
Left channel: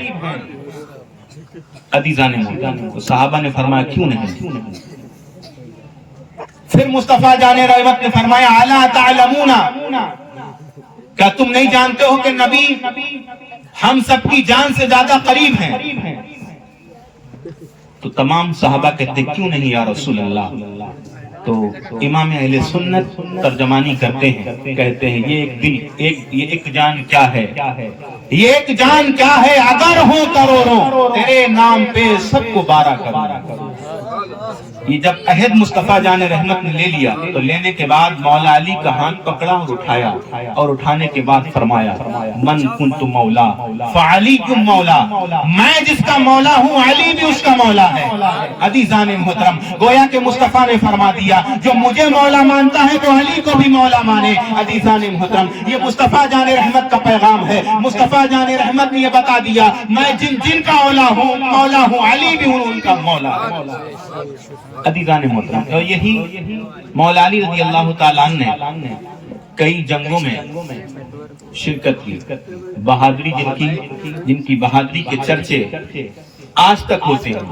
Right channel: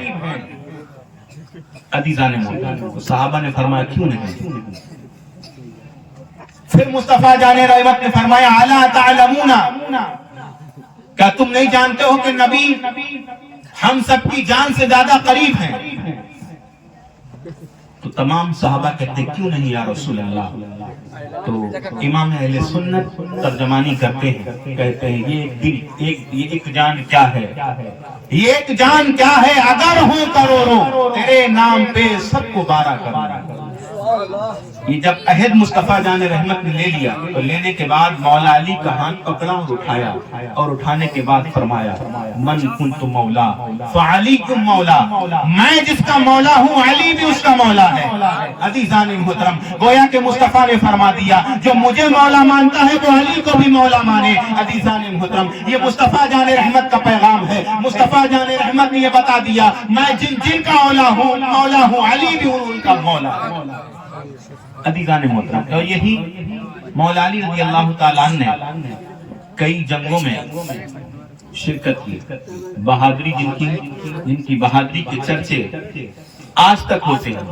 عزیزان محترم، صحابہ نے فرمایا کیوں نہیں؟ پھر مصطفیٰ جان رحمت نے فرمایا الا تعلمون، کیا تم نہیں جانتے ہو کہ نبی ہم سب کی جان سے زیادہ قریب ہیں؟ تو تمام صحابہ کہتے کیوں نہیں یا رسول اللہ؟ تو امام اہل سنت ترجمانی کرتے ہیں، کہتے ہیں یہ ایک دل، یہ ایک جان کیا ہے، یہ ایک جان کیا ہے، اگر ہو کروڑوں تیرے نام پہ سب کو بارہ کروں. یہ جب عہد مصطفیٰ جان رحمت نے لے لیا تو لینے کے بعد مولا علی کا ہاتھ پکڑا اور اٹھایا، اور اٹھانے کے بعد فرمایا من کنت مولا فعلی کم مولا، میں جس کا مولا ہوں علی بھی اس کا مولا ہے. عزیزان محترم، گویا کہ مصطفیٰ نے فرما دیا جو مجھے مولا مانتا ہے تو علی کو بھی مولا مانے. عزیزان محترم، یہ مصطفیٰ جان رحمت کا پیغام ہے. مصطفیٰ جان رحمت نے یہ بتا دیا میں جن کا مولا ہوں علی بھی ان کا مولا ہے. عزیزان محترم، تو یہی مولا علی رضی اللہ تعالیٰ عنہ نے کئی جنگوں میں شرکت کی، بہادری جن کی بہادری کے چرچے آج تک ہوتے ہیں.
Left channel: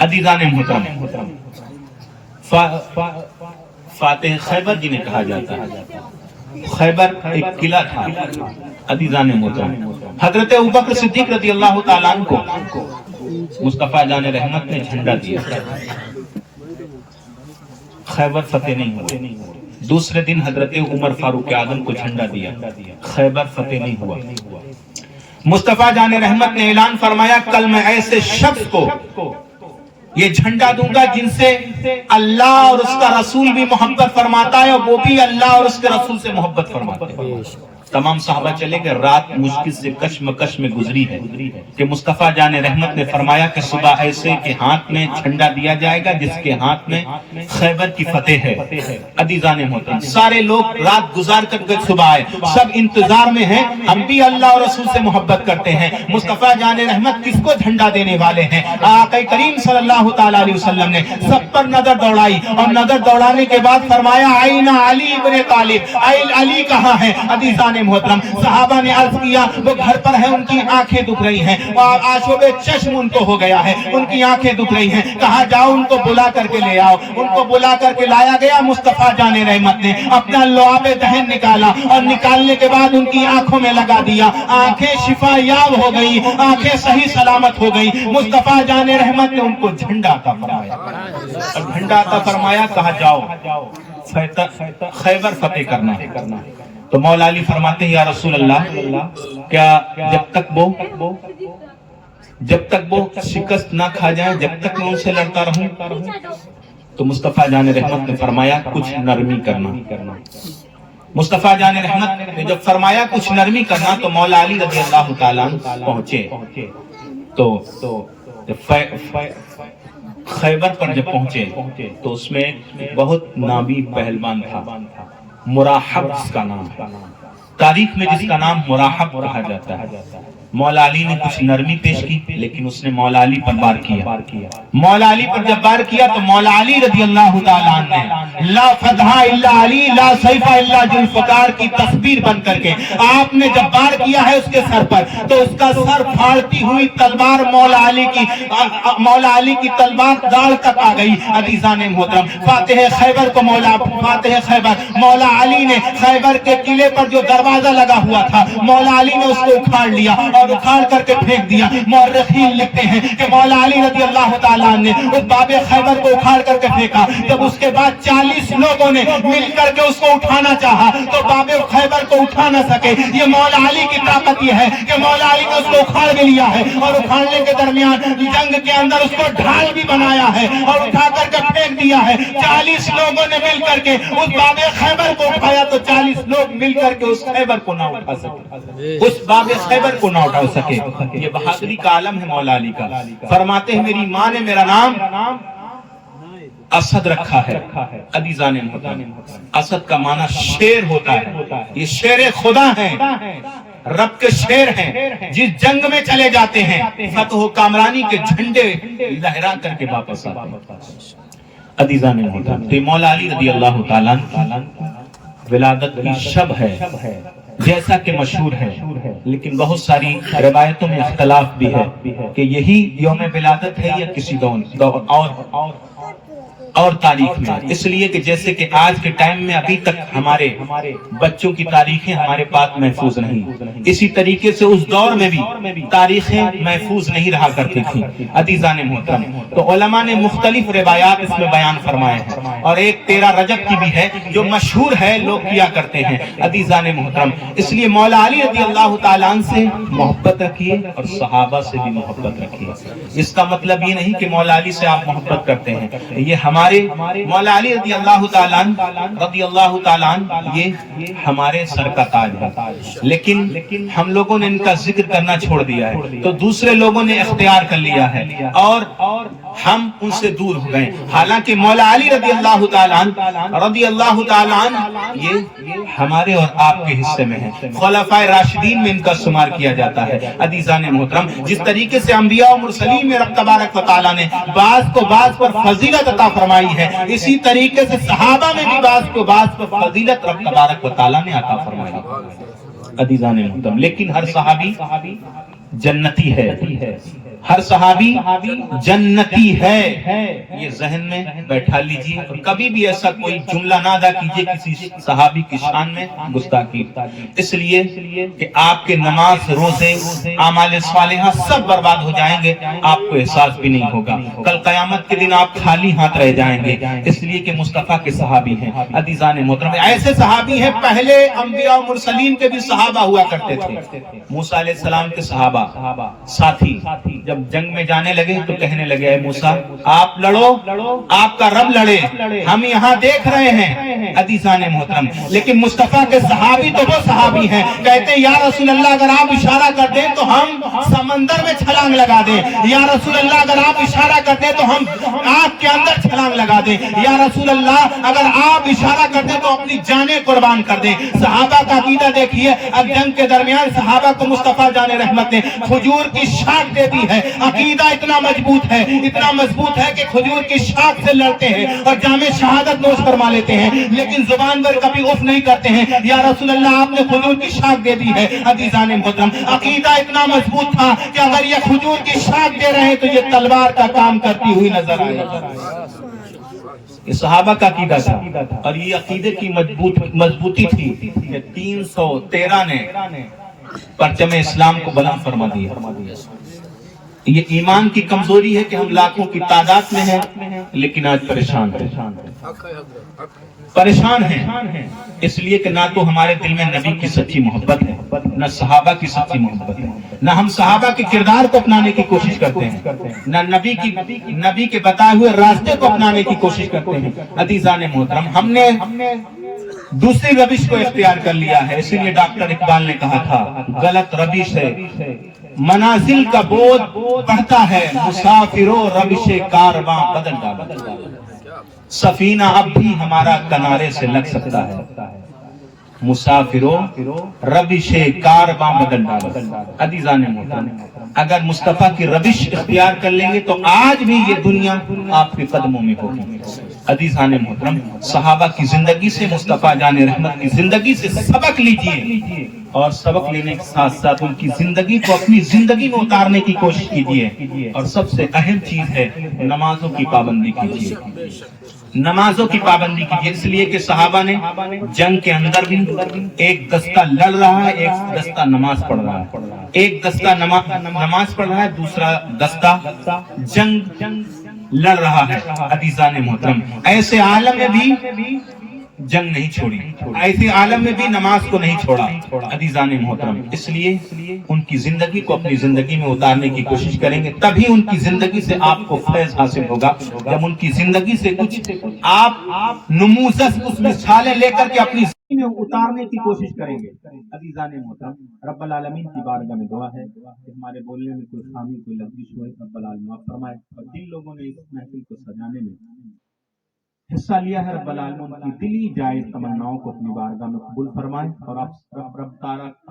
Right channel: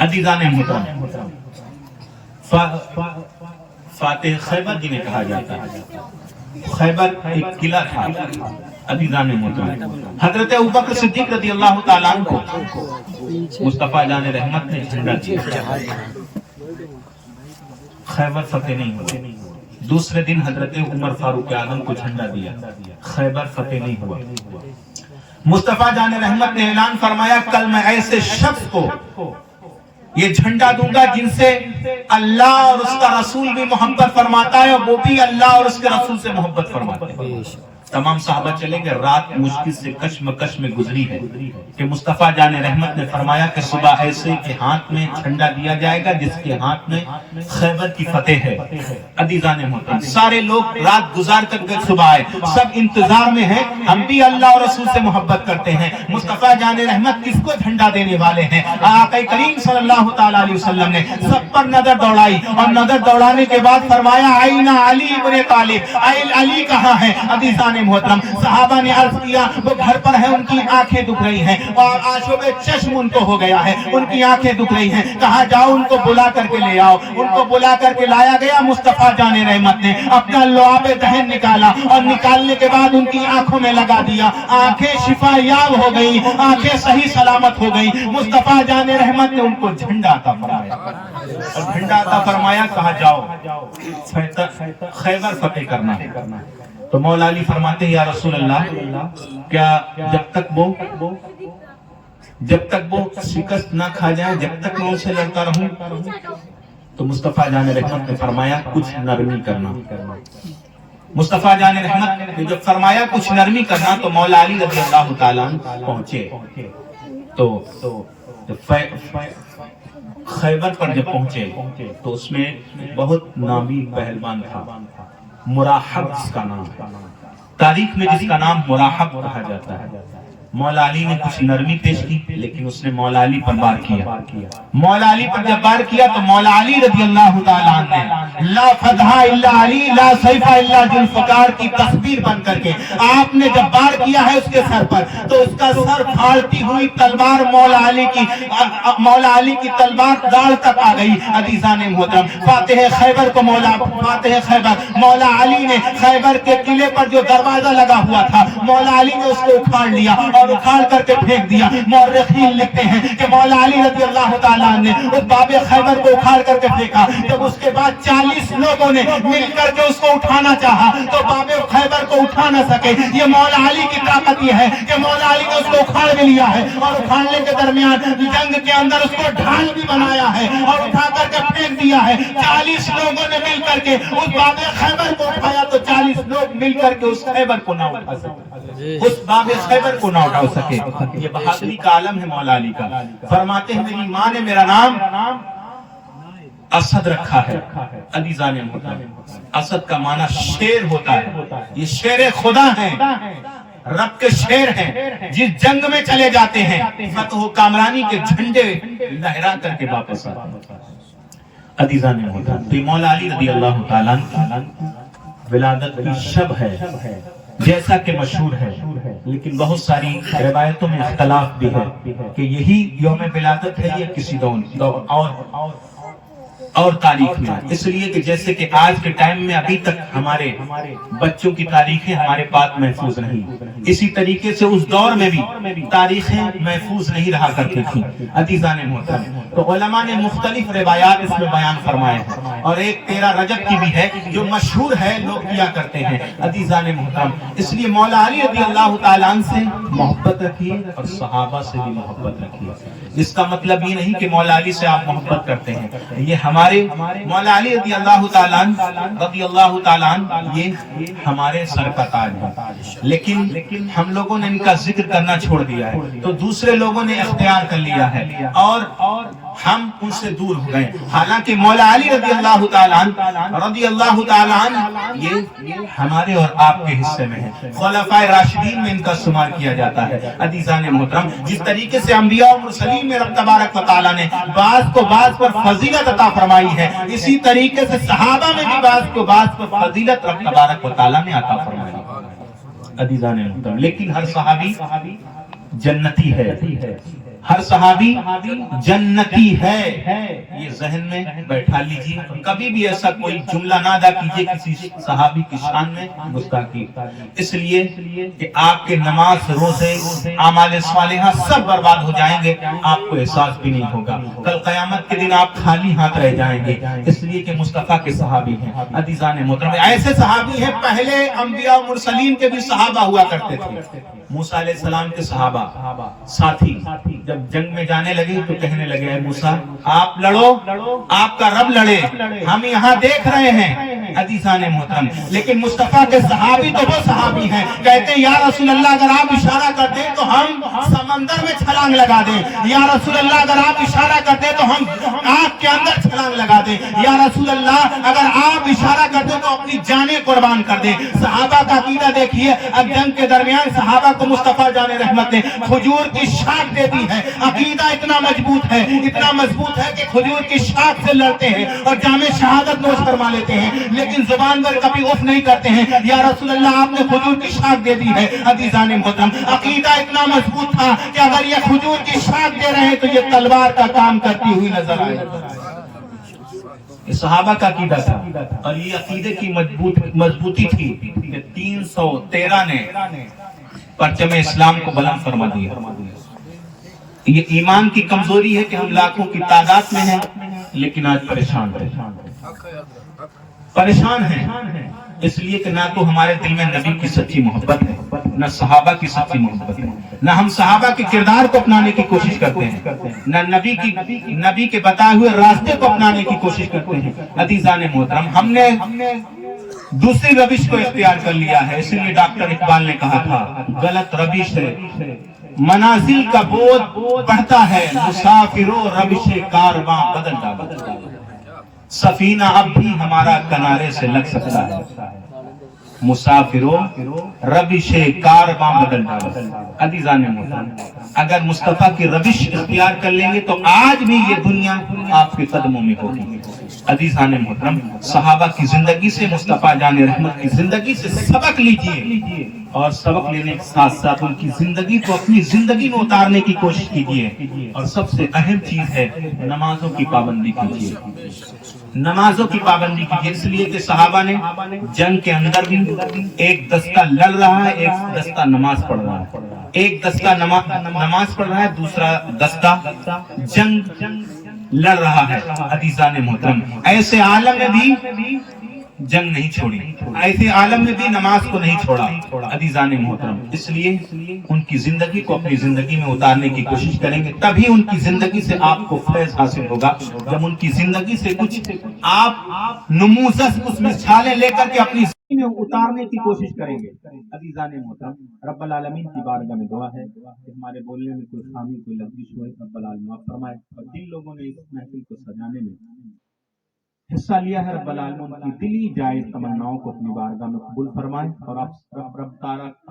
عزیزان محترم، فاتح خیبر جنہیں کہا جاتا ہے، خیبر ایک قلعہ تھا. عزیزان محترم، حضرت ابوبکر صدیق رضی اللہ تعالیٰ عنہ کو مصطفیٰ جان رحمت نے جھنڈا دیا، خیبر فتح نہیں ہوا. دوسرے دن حضرت عمر فاروق اعظم کو جھنڈا دیا، خیبر فتح نہیں ہوا. مصطفیٰ جان رحمت نے اعلان فرمایا کل میں ایسے شخص کو یہ جھنڈا دوں گا جن سے اللہ اور اس کا رسول بھی محبت فرماتا ہے، وہ بھی اللہ اور اس کے رسول سے محبت فرماتے ہیں. تمام صحابہ چلے گئے. رات مشکل سے کشمکش میں گزری ہے کہ مصطفیٰ جان رحمت نے فرمایا کہ صبح ایسے کے ہاتھ میں جھنڈا دیا جائے گا جس کے ہاتھ میں خیبر کی فتح ہے. عزیزان محترم، سارے لوگ رات گزار کر صبح آئے، سب انتظار میں ہیں. ہم بھی اللہ اور رسول سے محبت کرتے ہیں. مصطفیٰ جان رحمت کس کو جھنڈا دینے والے ہیں؟ آقا کریم صلی اللہ تعالی علیہ وسلم نے سب پر نظر دوڑائی، اور نظر دوڑانے کے بعد فرمایا آئینہ علی ابن طالب، علی کہاں ہے؟ عزیزان محترم، صحابہ نے عرض کیا وہ گھر پر ہیں، ان کی آنکھیں دکھ رہی ہیں، آشوب چشم ان کو ہو گیا ہے، ان کی آنکھیں دکھ رہی ہیں. کہاں جاؤ؟ ان کو بلا کر کے لے آؤ. ان کو بلا کر کے لایا گیا. مصطفیٰ جان رحمت نے اپنا لعاب دہن نکالا، اور نکالنے کے بعد ان کی آنکھوں میں لگا دیا. آنکھیں شفا یاب ہو گئی، آنکھیں صحیح سلامت ہو گئی. مصطفیٰ جان رحمت نے ان کو جھنڈا عطا فرمایا، اور جھنڈا عطا فرمایا کہا جاؤ خیبر فتح کرنا. تو مولا علی فرماتے ہیں یا رسول اللہ، کیا جب تک وہ شکست نہ کھا جائے، جب تک میں ان سے لڑتا رہوں؟ تو مصطفیٰ جان رحمت نے فرمایا کچھ نرمی کرنا. مصطفیٰ جان رحمت نے جب فرمایا کچھ نرمی کرنا تو مولا علی رضی اللہ تعالیٰ عنہ پہنچے. تو خیبر پر جب پہنچے تو اس میں بہت نامی پہلوان تھا، مراحب جس کا نام ہے، تاریخ میں جس کا نام مراحب کہا جاتا ہے. مولا علی نے کچھ نرمی پیش کی، لیکن اس نے مولا علی پر وار کیا. مولا علی پر جب وار کیا تو مولا علی رضی اللہ تعالیٰ عنہ نے لا فتح الا علی لا سیف الا ذوالفقار کی تصویر بن کر کے آپ نے جب وار کیا ہے اس کے سر پر، تو اس کا سر پھاڑتی ہوئی تلوار مولا علی کی تلوار داڑھ تک آ گئی. عزیزان محترم، فاتح خیبر مولا علی نے خیبر کے قلعے پر جو دروازہ لگا ہوا تھا مولا علی نے اس کو اکھاڑ لیا اور اکھاڑ کر کے پھینک دیا. مورخین لکھتے ہیں کہ مولا علی رضی اللہ تعالیٰ نے اس باب خیبر کو اکھاڑ کر کے پھینکا. جب اس کے بعد 40 لوگوں نے مل کر کے اس کو اٹھانا چاہا تو باب خیبر کو اٹھا نہ سکے. یہ مولا علی کی طاقت یہ ہے کہ مولا علی نے اس کو اکھاڑ بھی لیا ہے، اور اکھاڑنے کے درمیان جنگ کے اندر اس کو ڈھال بھی بنایا ہے اور اٹھا کر کے پھینک دیا ہے. 40 لوگوں نے مل کر کے اس باب خیبر کو اٹھایا تو 40 لوگ مل کر کے اس خیبر کو نہ اٹھا سکے، اس باب خیبر کو نہ اٹھا سکے. یہ بہادری کا عالم ہے مولا علی کا. فرماتے ہیں میری ماں نے میرا نام اسد رکھا ہے. عزیزان محترم، اسد کا معنی شیر ہوتا ہے. یہ شیر خدا ہے، رب کے شیر ہیں، جس جنگ میں چلے جاتے ہیں فتح و کامرانی کے جھنڈے لہرا کر کے واپس آتے ہیں. عزیزان محترم، تو مولا علی رضی اللہ تعالیٰ ولادت کی شب ہے جیسا کہ مشہور ہے، لیکن بہت ساری روایتوں میں اختلاف بھی ہے کہ یہی یوم ولادت ہے یا کسی اور تاریخ میں. اس لیے کہ جیسے کہ آج کے ٹائم میں ابھی تک ہمارے بچوں کی تاریخیں ہمارے پاس محفوظ نہیں، اسی طریقے سے اس دور میں بھی تاریخیں محفوظ نہیں رہا کرتی تھی. عزیزان محترم، تو علماء نے مختلف روایات اس میں بیان فرمائے ہیں، اور ایک 13 رجب کی بھی ہے جو مشہور ہے، لوگ کیا کرتے ہیں. عزیزان محترم، اس لیے مولا علی رضی اللہ تعالیٰ عنہ سے محبت رکھیے اور صحابہ سے بھی محبت رکھیے. اس کا مطلب یہ نہیں کہ مولا علی سے آپ محبت کرتے ہیں، یہ ہمارے مولا علی رضی اللہ تعالیٰ عنہ یہ ہمارے سر کا تاج ہے، لیکن ہم لوگوں نے ان کا ذکر کرنا چھوڑ دیا ہے، تو دوسرے لوگوں نے اختیار کر لیا ہے اور ہم ان سے دور ہو گئے. حالانکہ مولا علی رضی اللہ تعالیٰ عنہ یہ ہمارے اور آپ کے حصے میں ہے، خلفائے راشدین میں ان کا شمار کیا جاتا ہے. عزیزان محترم، جس طریقے سے انبیاء و مرسلین میں رب تبارک و تعالیٰ نے بعض کو بعض پر فضیلت عطا فرمائی ہے، اسی طریقے سے صحابہ میں بھی بعض کو بعض پر فضیلت رب تبارک و تعالیٰ نے عطا فرمائی ہے. عزیزان محترم، لیکن ہر صحابی جنتی ہے، ہر صحابی جنتی ہے، یہ ذہن میں بیٹھا لیجیے. کبھی بھی ایسا کوئی جملہ نہ ادا کیجیے کسی صحابی کی شان میں گستاخی، اس لیے کہ آپ کے نماز، روزے، اعمال صالحہ سب برباد ہو جائیں گے، آپ کو احساس بھی نہیں ہوگا. کل قیامت کے دن آپ خالی ہاتھ رہ جائیں گے، اس لیے کہ مصطفیٰ کے صحابی ہیں. عزیزان محترم، ایسے صحابی ہیں، پہلے انبیاء و مرسلین کے بھی صحابہ ہوا کرتے تھے. موسیٰ علیہ السلام کے صحابہ ساتھی جب جنگ میں جانے لگے تو کہنے لگے، اے موسیٰ آپ لڑو، آپ کا رب لڑے، ہم یہاں دیکھ رہے ہیں. عزیزان محترم، لیکن مصطفیٰ کے صحابی تو وہ صحابی ہیں، کہتے ہیں یا رسول اللہ اگر آپ اشارہ کر دیں تو ہم سمندر میں چھلانگ لگا دیں، یا رسول اللہ اگر آپ اشارہ کر دیں تو ہم آگ کے اندر چھلانگ لگا دیں، یا رسول اللہ اگر آپ اشارہ کر دیں تو اپنی جانیں قربان کر دیں. صحابہ کا عقیدہ دیکھیے، اب جنگ کے درمیان صحابہ کو مصطفیٰ جان رحمت نے کھجور کی شاخ دے دی ہے. عقیدہ اتنا مضبوط ہے، اتنا مضبوط ہے کہ کھجور کی شاخ سے لڑتے ہیں اور جام شہادت نوش فرما لیتے ہیں، لیکن زبان پر کبھی اف نہیں کرتے ہیں یا رسول اللہ آپ نے کھجور کی شاخ دے دی ہے. عزیزان محترم، عقیدہ اتنا مضبوط تھا کہ اگر یہ کھجور کی شاخ دے رہے تو یہ تلوار کا کام کرتی ہوئی نظر آئے. یہ صحابہ کا عقیدہ تھا، اور یہ عقیدے کی مضبوطی تھی کہ 313 نے پرچم اسلام کو بلند فرما دیا. یہ ایمان کی کمزوری ہے کہ ہم لاکھوں کی تعداد میں ہیں لیکن آج پریشان ہیں، اس لیے کہ نہ تو ہمارے دل میں نبی کی سچی محبت ہے، نہ صحابہ کی سچی محبت ہے، نہ ہم صحابہ کے کردار کو اپنانے کی کوشش کرتے ہیں، نہ نبی کے بتائے ہوئے راستے کو اپنانے کی کوشش کرتے ہیں. عزیزان محترم، ہم نے دوسری روش کو اختیار کر لیا ہے. اسی لیے ڈاکٹر اقبال نے کہا تھا، غلط روش ہے، منازل کا بوجھ بڑھتا ہے، مسافروں روش کارواں بدل ڈالا. سفینہ اب بھی ہمارا کنارے سے لگ سکتا ہے، مسافروں روش کارواں بدل ڈالا. عزیزان محترم، اگر مصطفیٰ کی روش اختیار کر لیں گے تو آج بھی یہ دنیا آپ کے قدموں میں ہوتی. عزیزان محترم، صحابہ کی زندگی سے، مصطفیٰ جان رحمت کی زندگی سے سبق لیجئے، اور سبق لینے کے ساتھ ساتھ ان کی زندگی کو اپنی زندگی میں اتارنے کی کوشش کیجئے. اور سب سے اہم چیز ہے نمازوں کی پابندی کیجئے، نمازوں کی پابندی کیجئے. اس لیے کہ صحابہ نے جنگ کے اندر بھی ایک دستہ لڑ رہا ہے، ایک دستہ نماز پڑھ رہا ہے، ایک دستہ نماز پڑھ رہا ہے، دوسرا دستہ جنگ لڑ رہا ہے. عزیزان محترم، ایسے عالم میں بھی جنگ نہیں چھوڑی، ایسے عالم میں بھی نماز کو نہیں چھوڑا. عزیزان محترم، اس لیے ان کی زندگی کو اپنی زندگی میں اتارنے کی کوشش کریں گے، تبھی ان کی زندگی سے آپ کو فیض حاصل ہوگا. جب ان کی زندگی سے کچھ آپ نموذج، کچھ مثالیں لے کر کے اپنی زندگی میں اتارنے کی کوشش کریں گے. عزیزان محترم، رب العالمین کی بارگاہ میں دعا ہے کہ ہمارے بولنے میں کوئی خامی، کوئی لغزش ہوئے، رب العالمین معاف فرمائے. اور جن لوگوں نے اس محفل کو سجانے میں حصہ لیا ہے، رب العالمین کی دلی جائز تمناؤں کو اپنی بارگاہ میں قبول فرمائے، اور آپ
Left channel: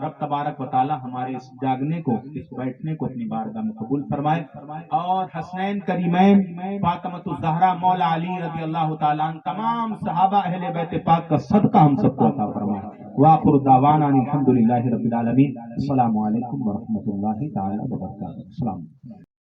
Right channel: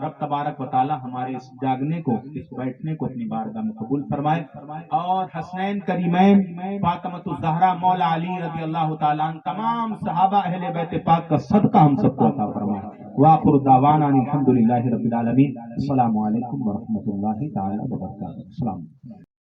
رب تبارک و تعالی ہمارے اس جاگنے کو، اس بیٹھنے کو اپنی بارگاہ میں قبول فرمائے، اور حسنین کریمین فاطمۃ الزہرا مولا علی رضی اللہ تعالیٰ عنہ تمام صحابہ اہل بیت پاک کا صدقہ ہم سب کو عطا فرمائے۔ وآخر دعوانا الحمدللہ رب العالمین۔ السلام علیکم ورحمۃ اللہ تعالی وبرکاتہ۔ السلام علیکم۔